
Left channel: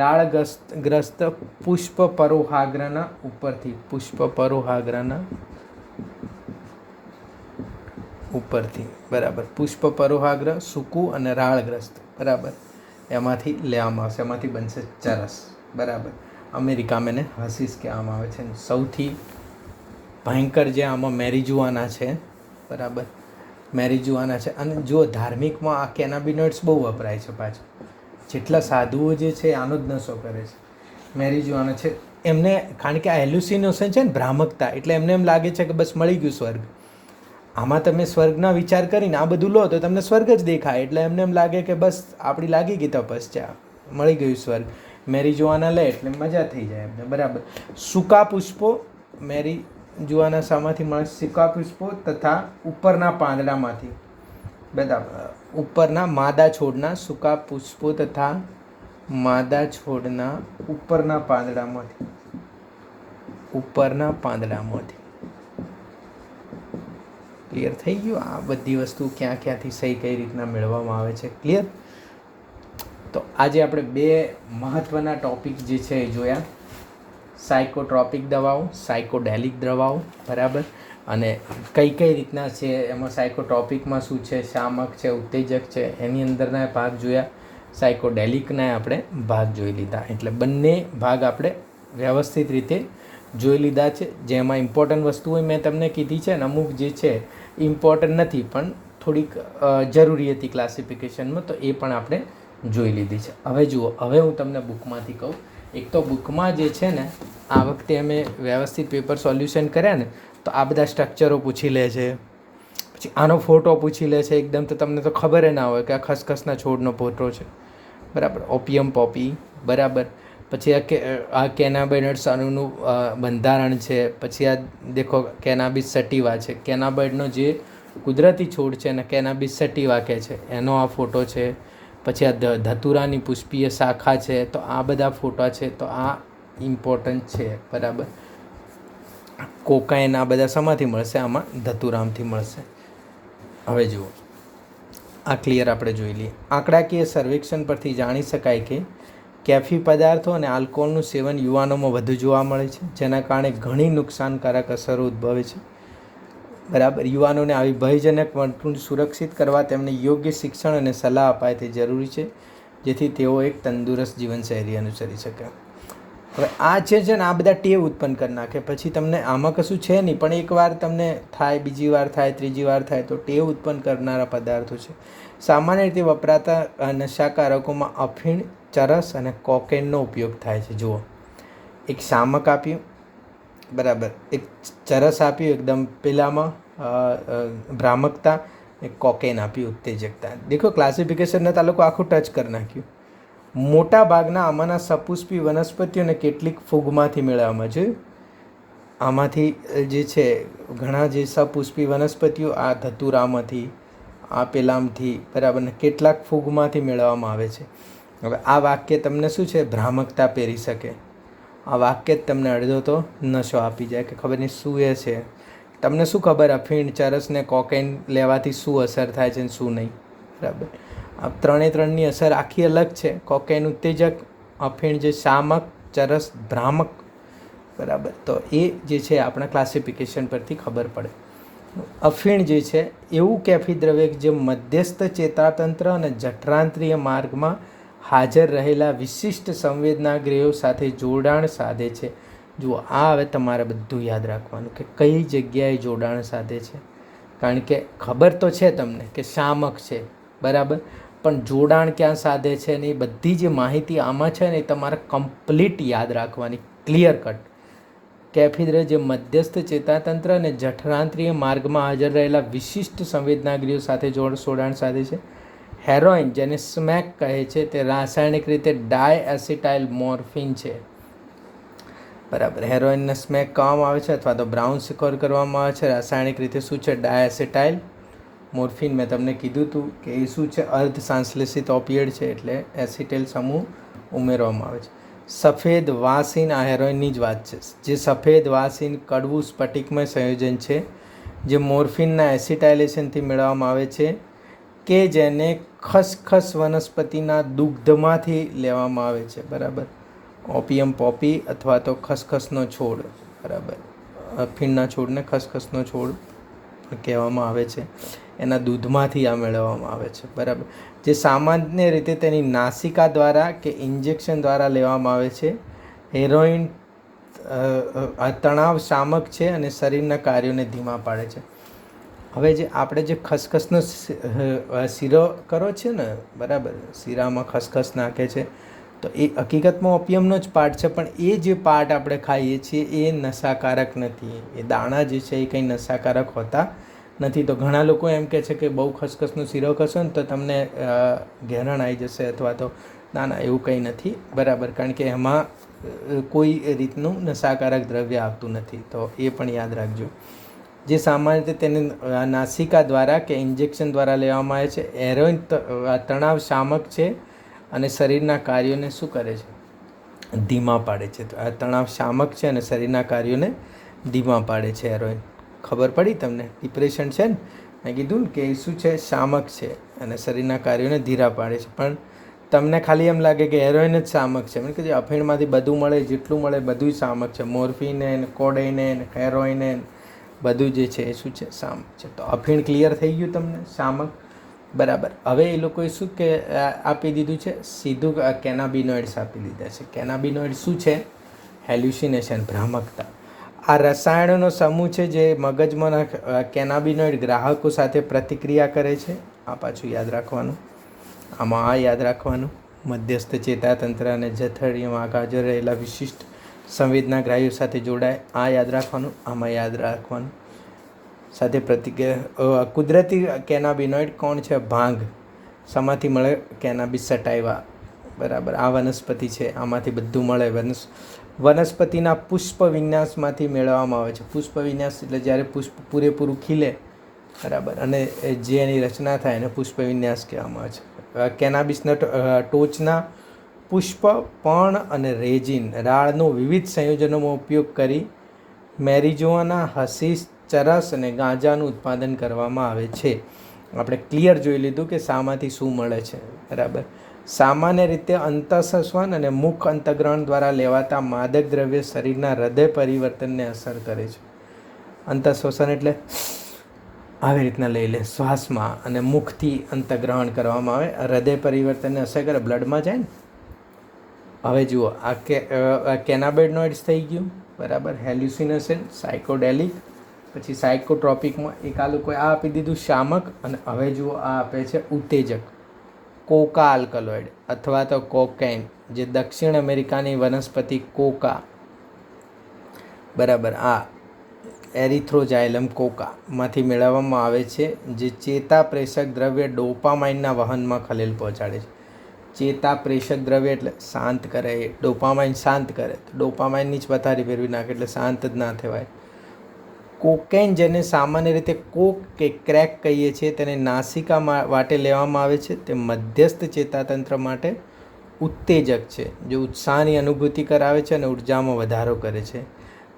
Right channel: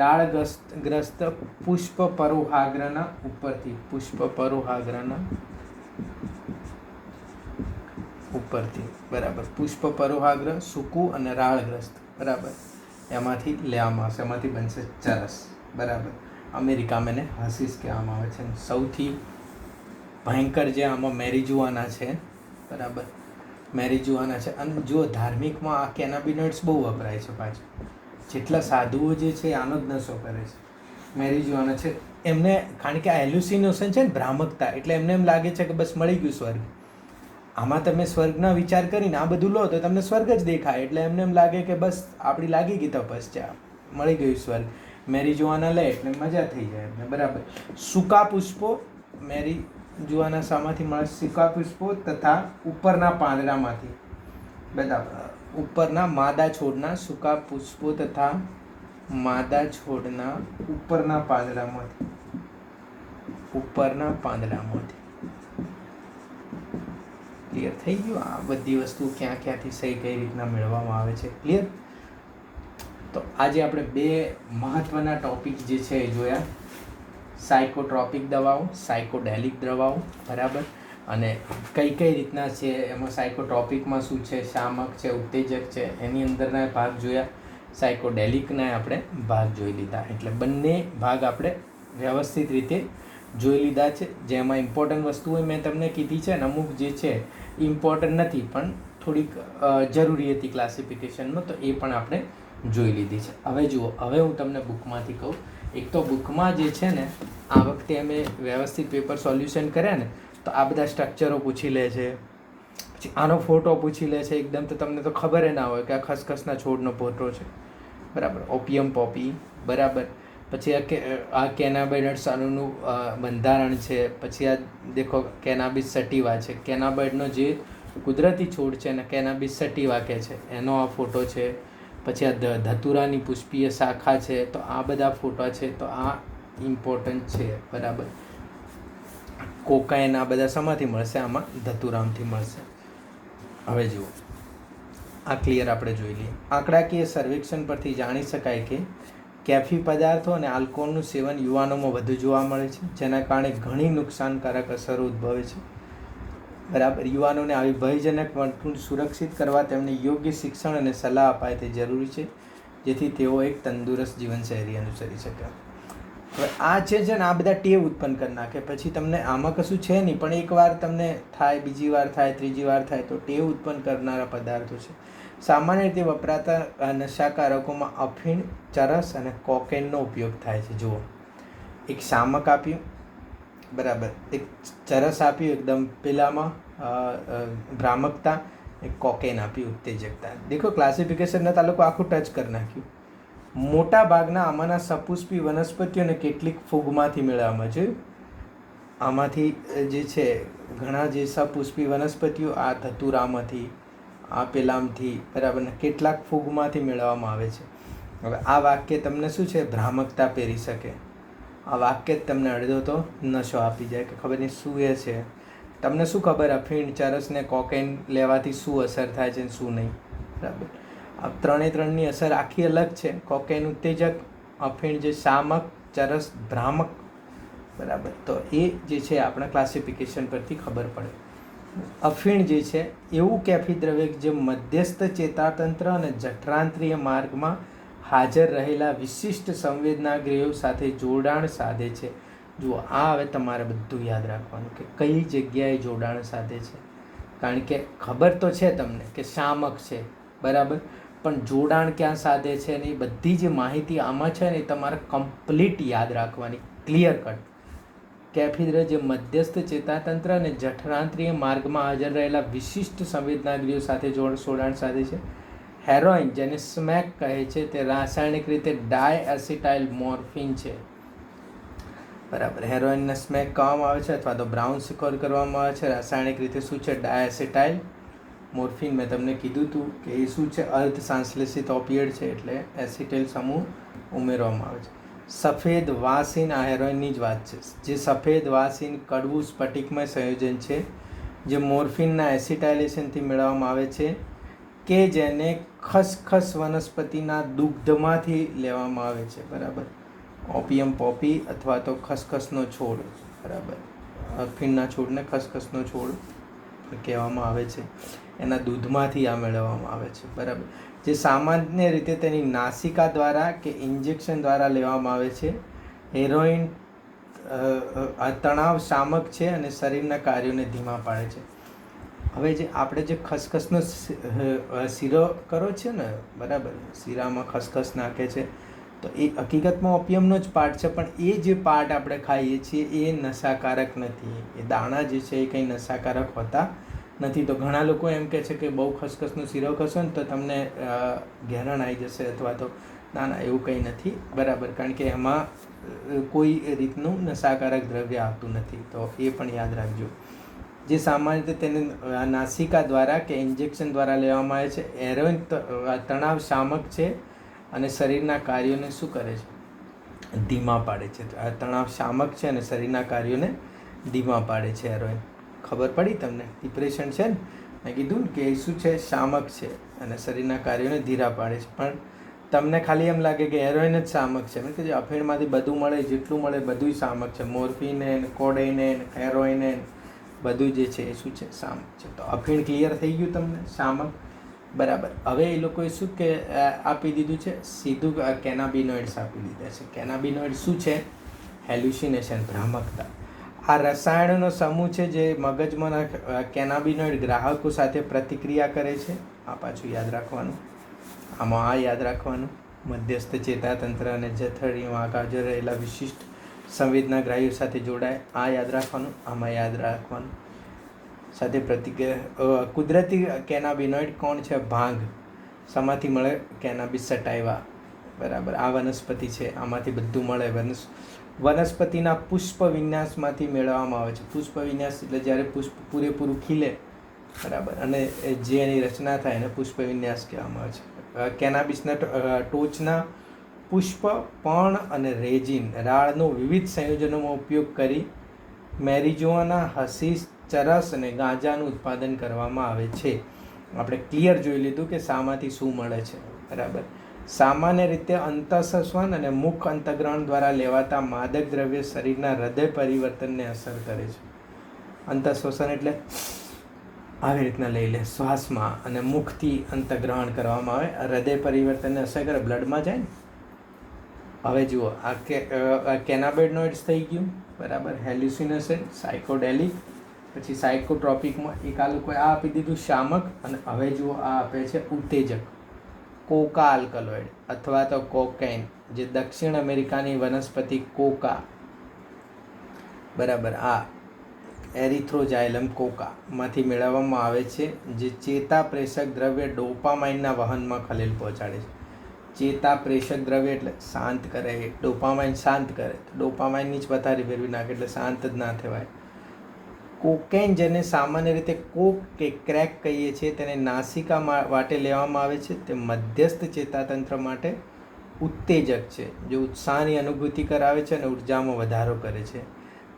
રાળગ્રસ્ત પુષ્પ પરોહાગ્રના ઉપરથી. પુષ્પ પરોહાગ્રના ઉપરથી. બરાબર. પુષ્પ પરોહાગ્ર, સૂકું અને રાળગ્રસ્ત. બરાબર. એમાંથી લેવામાં આવશે. એમાંથી બનશે ચરસ. બરાબર. અમેરિકામાં એને હસીસ કહેવામાં આવે છે. સૌથી ભયંકર જે આમાં મેરીજુઆના છે. બરાબર. મેરીજુઆના છે. અને જો ધાર્મિકમાં આ કેનાબિનોઇડ્સ બહુ વપરાય છે પાછું. જેટલા સાધુઓ જે છે આનો જ નશો કરે છે. મેરીજુઆના છે એમને, કારણ કે આ એલ્યુસિનેશન છે ને, ભ્રામકતા, એટલે એમને એમ લાગે છે કે બસ મળી ગયું સ્વર્ગ. આમાં તમે સ્વર્ગના વિચાર કરીને આ બધું લો તો તમને સ્વર્ગ જ દેખાય. એટલે એમને એમ લાગે કે બસ આપણી લાગી ગઈ તપસ્યા, મળી ગયું સ્વર્ગ. મેરીજુઆના લે એટલે મજા થઈ જાય એમને. બરાબર. સૂકા પુષ્પો મેરીજુઆના શામાંથી મળે? સૂકા પુષ્પો તથા ઉપરના પાંદડામાંથી. બરાબર. ઉપરના માદા છોડના સૂકા પુષ્પો તથા માદા છોડના ઉપરના પાંદડામાંથી. ઉપરના પાંદડામાંથી. ક્લિયર થઈ ગયું? આ બધી વસ્તુ ક્યાંથી સહી કઈ રીતના મેળવવામાં આવે છે. ક્લિયર? તો આજે આપણે બે મહત્ત્વના ટોપિક જે છે એ જોયા. સાયકોટ્રોપિક દવાઓ, સાયકોડેલિક દવાઓ. બરાબર. અને કઈ રીતના છે એમાં સાયકોટ્રોપિકમાં શું છે, શામક છે, ઉત્તેજક છે, એની અંદરના ભાગ જોયા. સાયકોડેલિકના આપણે ભાગ જોઈ લીધા. એટલે બંને ભાગ આપણે વ્યવસ્થિત રીતે જોઈ લીધા છે. જેમાં ઇમ્પોર્ટન્ટ વસ્તુઓ મેં તમને કીધી છે ને, અમુક જે છે ઇમ્પોર્ટન્ટ નથી પણ થોડીક જરૂરી હતી ક્લાસિફિકેશનમાં, તો એ પણ આપણે જોઈ લીધી છે. હવે જુઓ, હવે હું તમને બુકમાંથી કહું. એક તો બુકમાં જે છે ને, આ વખતે અમે વ્યવસ્થિત પેપર સોલ્યુશન કર્યા ને, તો આ બધા સ્ટ્રક્ચરો પૂછી લે છે, પછી આનો ફોટો પૂછી લે છે એકદમ, તો તમને તો ખબર ના હોય કે આ ખસખસના છોડનો ફોટો છે. બરાબર. ઓપિયમ પોપી. બરાબર. પછી આ કેનાબિનોઇડ્સ અણુનું બંધારણ છે. પછી આ દેખો કેનાબિસ સટિવા છે. કેનાબિનોઇડનો જે કુદરતી છોડ છે ને કેનાબિસ સટિવા કહે છે, એનો આ ફોટો છે. પછી આ ધતુરાની પુષ્પીય શાખા છે. તો આ બધા ફોટા છે. તો આ ઇમ્પોર્ટન્ટ છે. બરાબર. કોકાઈન આ બધા શેમાંથી મળશે? આમાં ધતુરામથી મળશે. હવે જુઓ, આ ક્લિયર આપણે જોઈ લઈએ. આંકડાકીય સર્વેક્ષણ પરથી જાણી શકાય કે કેફી પદાર્થો અને આલ્કોહોલનું સેવન યુવાનોમાં વધુ જોવા મળે છે, જેના કારણે ઘણી નુકસાનકારક અસરો ઉદ્ભવે છે. બરાબર. યુવાનોને આવી ભયજનક વર્તણૂક સુરક્ષિત કરવા તેમને યોગ્ય શિક્ષણ અને સલાહ અપાય તે જરૂરી છે, જેથી તેઓ એક તંદુરસ્ત જીવનશૈલી અનુસરી શકે. હવે આ છે ને, આ બધા ટેવ ઉત્પન્ન કરી નાખે. પછી તમને આમાં કશું છે નહીં, પણ એકવાર તમને થાય, બીજી વાર થાય, ત્રીજી વાર થાય, તો ટેવ ઉત્પન્ન કરનારા પદાર્થો છે. સામાન્ય રીતે વપરાતા નશાકારકોમાં અફીણ, ચરસ અને કોકેનનો ઉપયોગ થાય છે. જુઓ, એક શામક આપ્યું. બરાબર. એક ચરસ આપ્યું એકદમ પેલામાં ભ્રામકતા, એક કોકેન આપ્યું ઉત્તેજકતા. દેખો ક્લાસિફિકેશનને આ લોકો આખું ટચ કરી નાખ્યું. મોટા ભાગના આમાંના સપુષ્પી વનસ્પતિઓ અને કેટલીક ફૂગમાંથી મેળવવામાં જોયું. આમાંથી જે છે ઘણા જે સપુષ્પી વનસ્પતિઓ આ ધતુરામાંથી, આ પેલામથી, બરાબર, ને કેટલાક ફૂગમાંથી મેળવવામાં આવે છે. હવે આ વાક્ય તમને શું છે? ભ્રામકતા પહેરી શકે. આ વાક્ય જ તમને અડધો તો નશો આપી જાય કે ખબર નહીં શું એ છે. તમને શું ખબર અફીણ, ચરસ ને કોકેન લેવાથી શું અસર થાય છે ને શું નહીં? બરાબર. આ ત્રણની અસર આખી અલગ છે. કોકેન ઉત્તેજક, અફીણ જે શામક, ચરસ ભ્રામક. બરાબર. તો એ જે છે આપણા ક્લાસિફિકેશન પરથી ખબર પડે. અફીણ જે છે એવું કેફી દ્રવ્ય જે મધ્યસ્થ ચેતાતંત્ર અને જઠરાંત્રિય માર્ગમાં હાજર રહેલા વિશિષ્ટ સંવેદનાગ્રહો સાથે જોડાણ સાધે છે. જુઓ, આ હવે તમારે બધું યાદ રાખવાનું કે કઈ જગ્યાએ જોડાણ સાધે છે. કારણ કે ખબર તો છે તમને કે શામક છે, બરાબર, પણ જોડાણ ક્યાં સાધે છે ને એ બધી જે માહિતી આમાં છે ને એ તમારે કમ્પ્લીટ યાદ રાખવાની, ક્લિયર કટ. કેફિદ્ર જે મધ્યસ્થ ચેતાતંત્ર અને જઠરાંત્રિય માર્ગમાં હાજર રહેલા વિશિષ્ટ સંવેદનાગ્રીઓ સાથે જોડાણ સાધે છે. હેરોઇન જેને સ્મેક કહે છે તે રાસાયણિક રીતે ડાયએસિટાઇલ મોર્ફિન છે. બરાબર, હેરોઇનને સ્મેક કહેવામાં આવે છે અથવા તો બ્રાઉન સુગર કરવામાં આવે છે. રાસાયણિક રીતે શું છે? ડાયએસિટાઇલ મોર્ફિન. મેં તમને કીધું હતું કે એ શું છે? અર્ધ સંશ્લેષિત ઓપિયડ છે, એટલે એસિટાઇલ સમૂહ ઉમેરવામાં આવે છે. સફેદ વાસીન, આ હેરોઇનની જ વાત છે. જે સફેદ વાસીન કડવું સ્ફટિકમય સંયોજન છે જે મોર્ફિનના એસિટાઇલેશનથી મેળવવામાં આવે છે, કે જેને ખસખસ વનસ્પતિના દુગ્ધમાંથી લેવામાં આવે છે. બરાબર, ઓપિયમ પોપી અથવા તો ખસખસનો છોડ. બરાબર, અફીણના છોડને ખસખસનો છોડ કહેવામાં આવે છે. એના દૂધમાંથી આ મેળવવામાં આવે છે. બરાબર, જે સામાન્ય રીતે તેની નાસિકા દ્વારા કે ઇન્જેક્શન દ્વારા લેવામાં આવે છે. હેરોઇન તણાવ શામક છે અને શરીરના કાર્યોને ધીમા પાડે છે. હવે જે આપણે જે ખસખસનો શીરો કરો છે ને, બરાબર, શીરામાં ખસખસ નાખે છે, તો એ હકીકતમાં ઓપિયમનો જ પાર્ટ છે, પણ એ જે પાર્ટ આપણે ખાઈએ છીએ એ નશાકારક નથી. એ દાણા જે છે એ કંઈ નશાકારક હોતા નથી. તો ઘણા લોકો એમ કહે છે કે બહુ ખસખસનો શીરો કરશો ને તો તમને ઘેરાણ આવી જશે અથવા તો ના, એવું કંઈ નથી. બરાબર, કારણ કે એમાં કોઈ રીતનું નશાકારક દ્રવ્ય આવતું નથી. તો એ પણ યાદ રાખજો. જે સામાન્ય રીતે તેને નાસિકા દ્વારા કે ઇન્જેક્શન દ્વારા લેવામાં આવે છે. હેરોઇન તણાવ શામક છે અને શરીરના કાર્યોને શું કરે છે? ધીમા પાડે છે. તો આ તણાવ શામક છે અને શરીરના કાર્યોને ધીમા પાડે છે હેરોઇન. ખબર પડી તમને? ડિપ્રેશન છે ને, મેં કીધું ને કે એ શું છે? શામક છે અને શરીરના કાર્યોને ધીરા પાડે છે. પણ તમને ખાલી એમ લાગે કે હેરોઇન જ શામક છે. કે જે અફીણમાંથી બધું મળે, જેટલું મળે બધું જ શામક છે. મોર્ફિને, કોડેઇને, હેરોઇને બધું જે છે એ શું છે? શામક છે. તો અફીણ ક્લિયર થઈ ગયું તમને? શામક. બરાબર, હવે એ લોકોએ શું કે આપી દીધું છે? સીધું કેનાબિનોઇડ્સ આપી દીધા છે. કેનાબિનોઇડ શું છે? હેલ્યુસિનેશન, ભ્રામકતા. આ રસાયણોનો સમૂહ છે જે મગજમાં કેનાબિનોઇડ ગ્રાહકો સાથે પ્રતિક્રિયા કરે છે. આ પાછું યાદ રાખવાનું. આમાં આ યાદ રાખવાનું, મધ્યસ્થ ચેતાતંત્ર અને જઠરાંત્રિયમાં હાજર રહેલા વિશિષ્ટ સંવેદનાગ્રાહીઓ સાથે જોડાય, આ યાદ રાખવાનું. આમાં યાદ રાખવાનું સાથે પ્રતિક્રિયા. કુદરતી કેનાબિનોઇડ કોણ છે? ભાંગ. શામાંથી મળે? કેનાબિસ સટાઇવા. બરાબર, આ વનસ્પતિ છે, આમાંથી બધું મળે. વનસ્પતિના પુષ્પ વિન્યાસમાંથી મેળવવામાં આવે છે. પુષ્પ વિન્યાસ એટલે જ્યારે પુષ્પ પૂરેપૂરું ખીલે, બરાબર, અને જે એની રચના થાય એને પુષ્પ વિન્યાસ કહેવામાં આવે છે. કેનાબિસના ટોચના પુષ્પ, પર્ણ અને રેજિન, રાળનો વિવિધ સંયોજનોમાં ઉપયોગ કરી મેરિજોઆના, હશીશ, ચરસ અને ગાંજાનું ઉત્પાદન કરવામાં આવે છે. આપણે ક્લિયર જોઈ લીધું કે શામાંથી શું મળે છે. બરાબર, સામાન્ય રીતે અંતઃશ્વસન અને મુખ અંતગ્રહણ દ્વારા લેવાતા માદક દ્રવ્ય શરીરના હૃદય પરિવર્તનને અસર કરે છે. અંતઃશ્વસન એટલે આવી રીતના લઈ લે શ્વાસમાં, અને મુખથી અંતગ્રહણ કરવામાં આવે, હૃદય પરિવર્તનને અસર કરે, બ્લડમાં જાય ને. હવે જુઓ, આ કેનાબિનોઇડ્સ થઈ ગયું. બરાબર, હેલ્યુસિનેશન, સાયકોડેલિક, પછી સાયકોટ્રોપિકમાં એક આ લોકોએ આ આપી દીધું શામક, અને હવે જુઓ આ આપે છે ઉત્તેજક, કોકા આલ્કલોઇડ અથવા તો કોકેન, જે દક્ષિણ અમેરિકાની વનસ્પતિ કોકા, બરાબર, આ એરિથ્રોઝાઇલમ કોકામાંથી મેળવવામાં આવે છે, જે ચેતાપ્રેષક દ્રવ્ય ડોપામાઇનના વહનમાં ખલેલ પહોંચાડે છે. ચેતાપ્રેષક દ્રવ્ય એટલે શાંત કરે, ડોપામાઇન શાંત કરે, ડોપામાઇનની જ પથારી ફેરવી નાખે એટલે શાંત જ ના થવાય. કોકેન, જેને સામાન્ય રીતે કોક કે ક્રેક કહીએ છીએ, તેને નાસિકા વાટે લેવામાં આવે છે. તે મધ્યસ્થ ચેતાતંત્ર માટે ઉત્તેજક છે, જે ઉત્સાહની અનુભૂતિ કરાવે છે અને ઉર્જામાં વધારો કરે છે.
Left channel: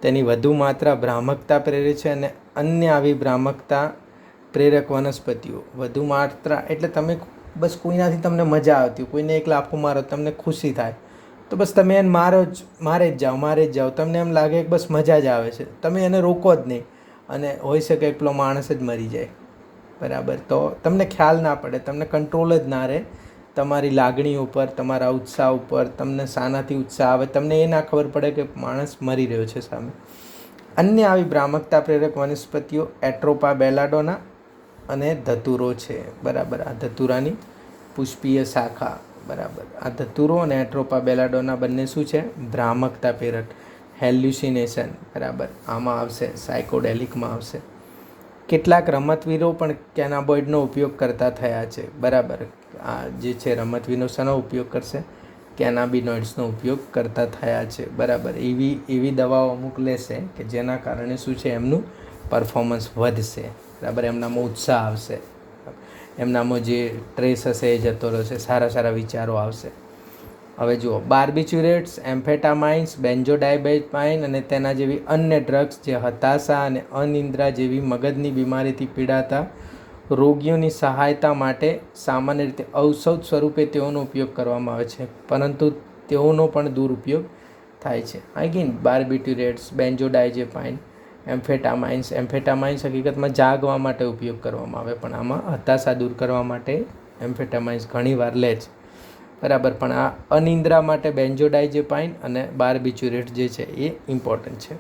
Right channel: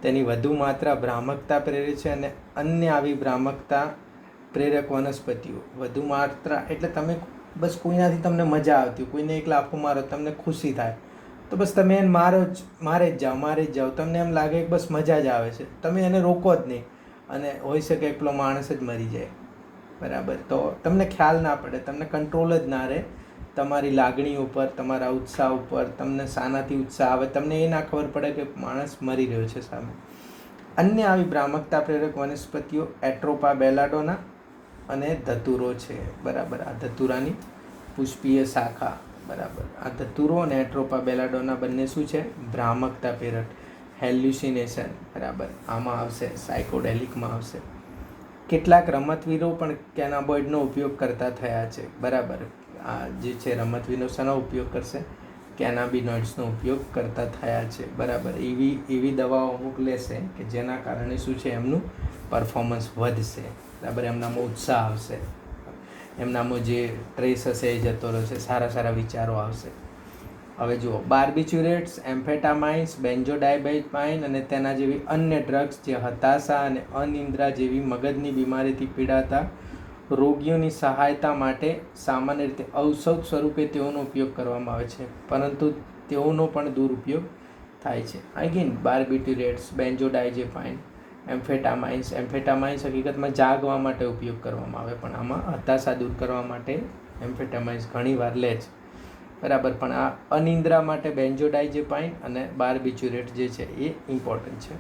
તેની વધુ માત્રા ભ્રામકતા પ્રેરે છે, અને અન્ય આવી ભ્રામકતા પ્રેરક વનસ્પતિઓ વધુ માત્રા એટલે તમે બસ કોઈનાથી તમને મજા આવતી, કોઈને એક લાફો મારો તમને ખુશી થાય, તો બસ તમે એને મારે જ જાઓ. તમને એમ લાગે કે બસ મજા જ આવે છે, તમે એને રોકો જ નહીં, અને હોઈ શકે પેલો માણસ જ મરી જાય. બરાબર, તો તમને ખ્યાલ ના પડે, તમને કંટ્રોલ જ ના રહે તમારી લાગણી ઉપર, તમારા ઉત્સાહ ઉપર. તમને શાનાથી ઉત્સાહ આવે તમને એ ના ખબર પડે કે માણસ મરી રહ્યો છે સામે. અન્ય આવી ભ્રામકતા પ્રેરક વનસ્પતિઓ એટ્રોપા બેલાડોના અને ધતુરો છે. બરાબર, આ ધતુરાની પુષ્પીય શાખા. બરાબર, આ ધતુરો અને એટ્રોપા બેલાડોના બંને શું છે? ભ્રામકતા પ્રેરક. હેલ્યુસિનેશન, બરાબર, આમાં આવશે. સાયકોડેલિકમાં આવશે. કેટલાક રમતવીરો પણ કેનાબોઇડનો ઉપયોગ કરતા થયા છે, બરાબર. આ જે છે રમતવીરો શાનો ઉપયોગ કરશે? કેનાબિનોઇડ્સનો ઉપયોગ કરતા થયા છે, બરાબર. એવી દવાઓ અમુક લેશે કે જેના કારણે શું છે, એમનું પરફોર્મન્સ વધશે, બરાબર. એમનામાં ઉત્સાહ આવશે, એમનામાં જે ટ્રેસ હશે એ જતો રહેશે, સારા વિચારો આવશે. હવે જુઓ, બાર્બિચ્યુરેટ્સ, એમ્ફેટામાઇન્સ, બેન્ઝોડાયઝેપાઇન અને તેના જેવી અન્ય ડ્રગ્સ જે હતાશા અને અનિદ્રા જેવી મગજની બીમારીથી પીડાતા રોગીઓની સહાયતા માટે સામાન્ય રીતે ઔષધ સ્વરૂપે તેઓનો ઉપયોગ કરવામાં આવે છે, પરંતુ તેઓનો પણ દુરુપયોગ થાય છે. અગેન બાર્બિટ્યુરેટ્સ, બેન્ઝોડાયઝેપાઇન, એમ્ફેટામાઇન્સ હકીકતમાં જાગવા માટે ઉપયોગ કરવામાં આવે, પણ આમાં હતાશા દૂર કરવા માટે એમ્ફેટામાઇન્સ ઘણીવાર લે છે, બરાબર. પણ આ અનિદ્રા માટે બેન્ઝોડાયઝેપાઇન અને બાર્બિચ્યુરેટ જે છે એ ઇમ્પોર્ટન્ટ છે,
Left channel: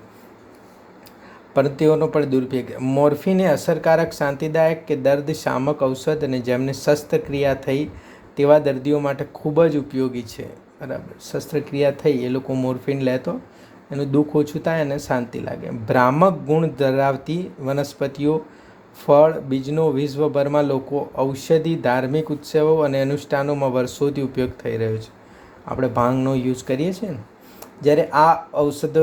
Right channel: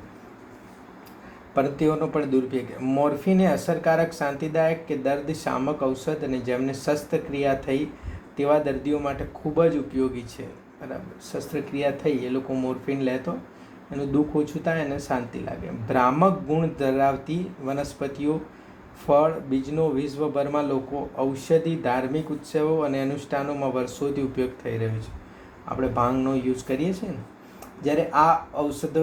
પણ તેઓનો પણ દુરુપયોગ. મોર્ફિન એ અસરકારક શાંતિદાયક કે દર્દ શામક ઔષધ અને જેમને શસ્ત્રક્રિયા થઈ તેવા દર્દીઓ માટે ખૂબ જ ઉપયોગી છે, બરાબર. શસ્ત્રક્રિયા થઈ એ લોકો મોર્ફિન લે તો એનું દુઃખ ઓછું થાય અને શાંતિ લાગે. ભ્રામક ગુણ ધરાવતી વનસ્પતિઓ, ફળ, બીજનો વિશ્વભરમાં લોકો ઔષધિ, ધાર્મિક ઉત્સવો અને અનુષ્ઠાનોમાં વર્ષોથી ઉપયોગ થઈ રહ્યો છે. આપણે ભાંગનો યુઝ કરીએ છીએ ને, જ્યારે આ ઔષધો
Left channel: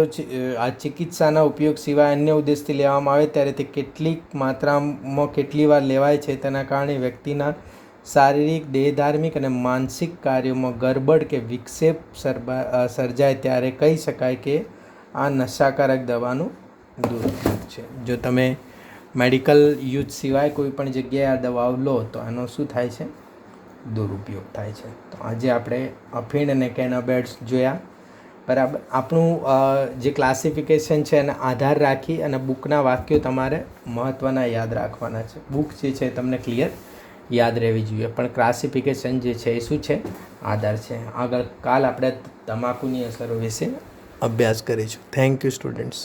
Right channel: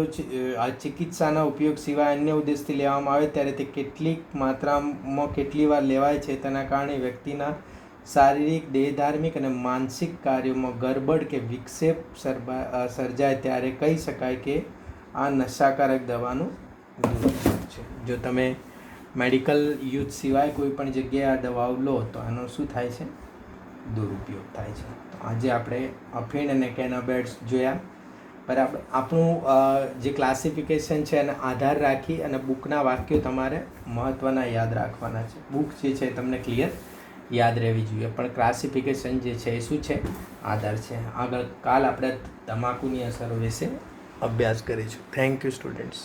આ ચિકિત્સાના ઉપયોગ સિવાય અન્ય ઉદ્દેશથી લેવામાં આવે ત્યારે તે કેટલીક માત્રામાં કેટલી વાર લેવાય છે તેના કારણે વ્યક્તિના શારીરિક, દેહધાર્મિક અને માનસિક કાર્યોમાં ગરબડ કે વિક્ષેપ સર્જાય ત્યારે કહી શકાય કે આ નશાકારક દવાનું દુરુપયોગ છે. જો તમે મેડિકલ યુઝ સિવાય કોઈ પણ જગ્યાએ આ દવાઓ લો તો આનો શું થાય છે? દુરુપયોગ થાય છે. તો આજે આપણે અફીણ અને કેનાબિનોઇડ્સ જોયા, બરાબર. આપણું જે ક્લાસિફિકેશન છે એને આધાર રાખી અને બુકના વાક્યો તમારે મહત્ત્વના યાદ રાખવાના છે. બુક જે છે તમને ક્લિયર યાદ રહેવી જોઈએ, પણ ક્લાસિફિકેશન જે છે એ શું છે? આધાર છે. આગળ કાલ આપણે તમાકુની અસરો વિશે અભ્યાસ કરીશું. Thank you students.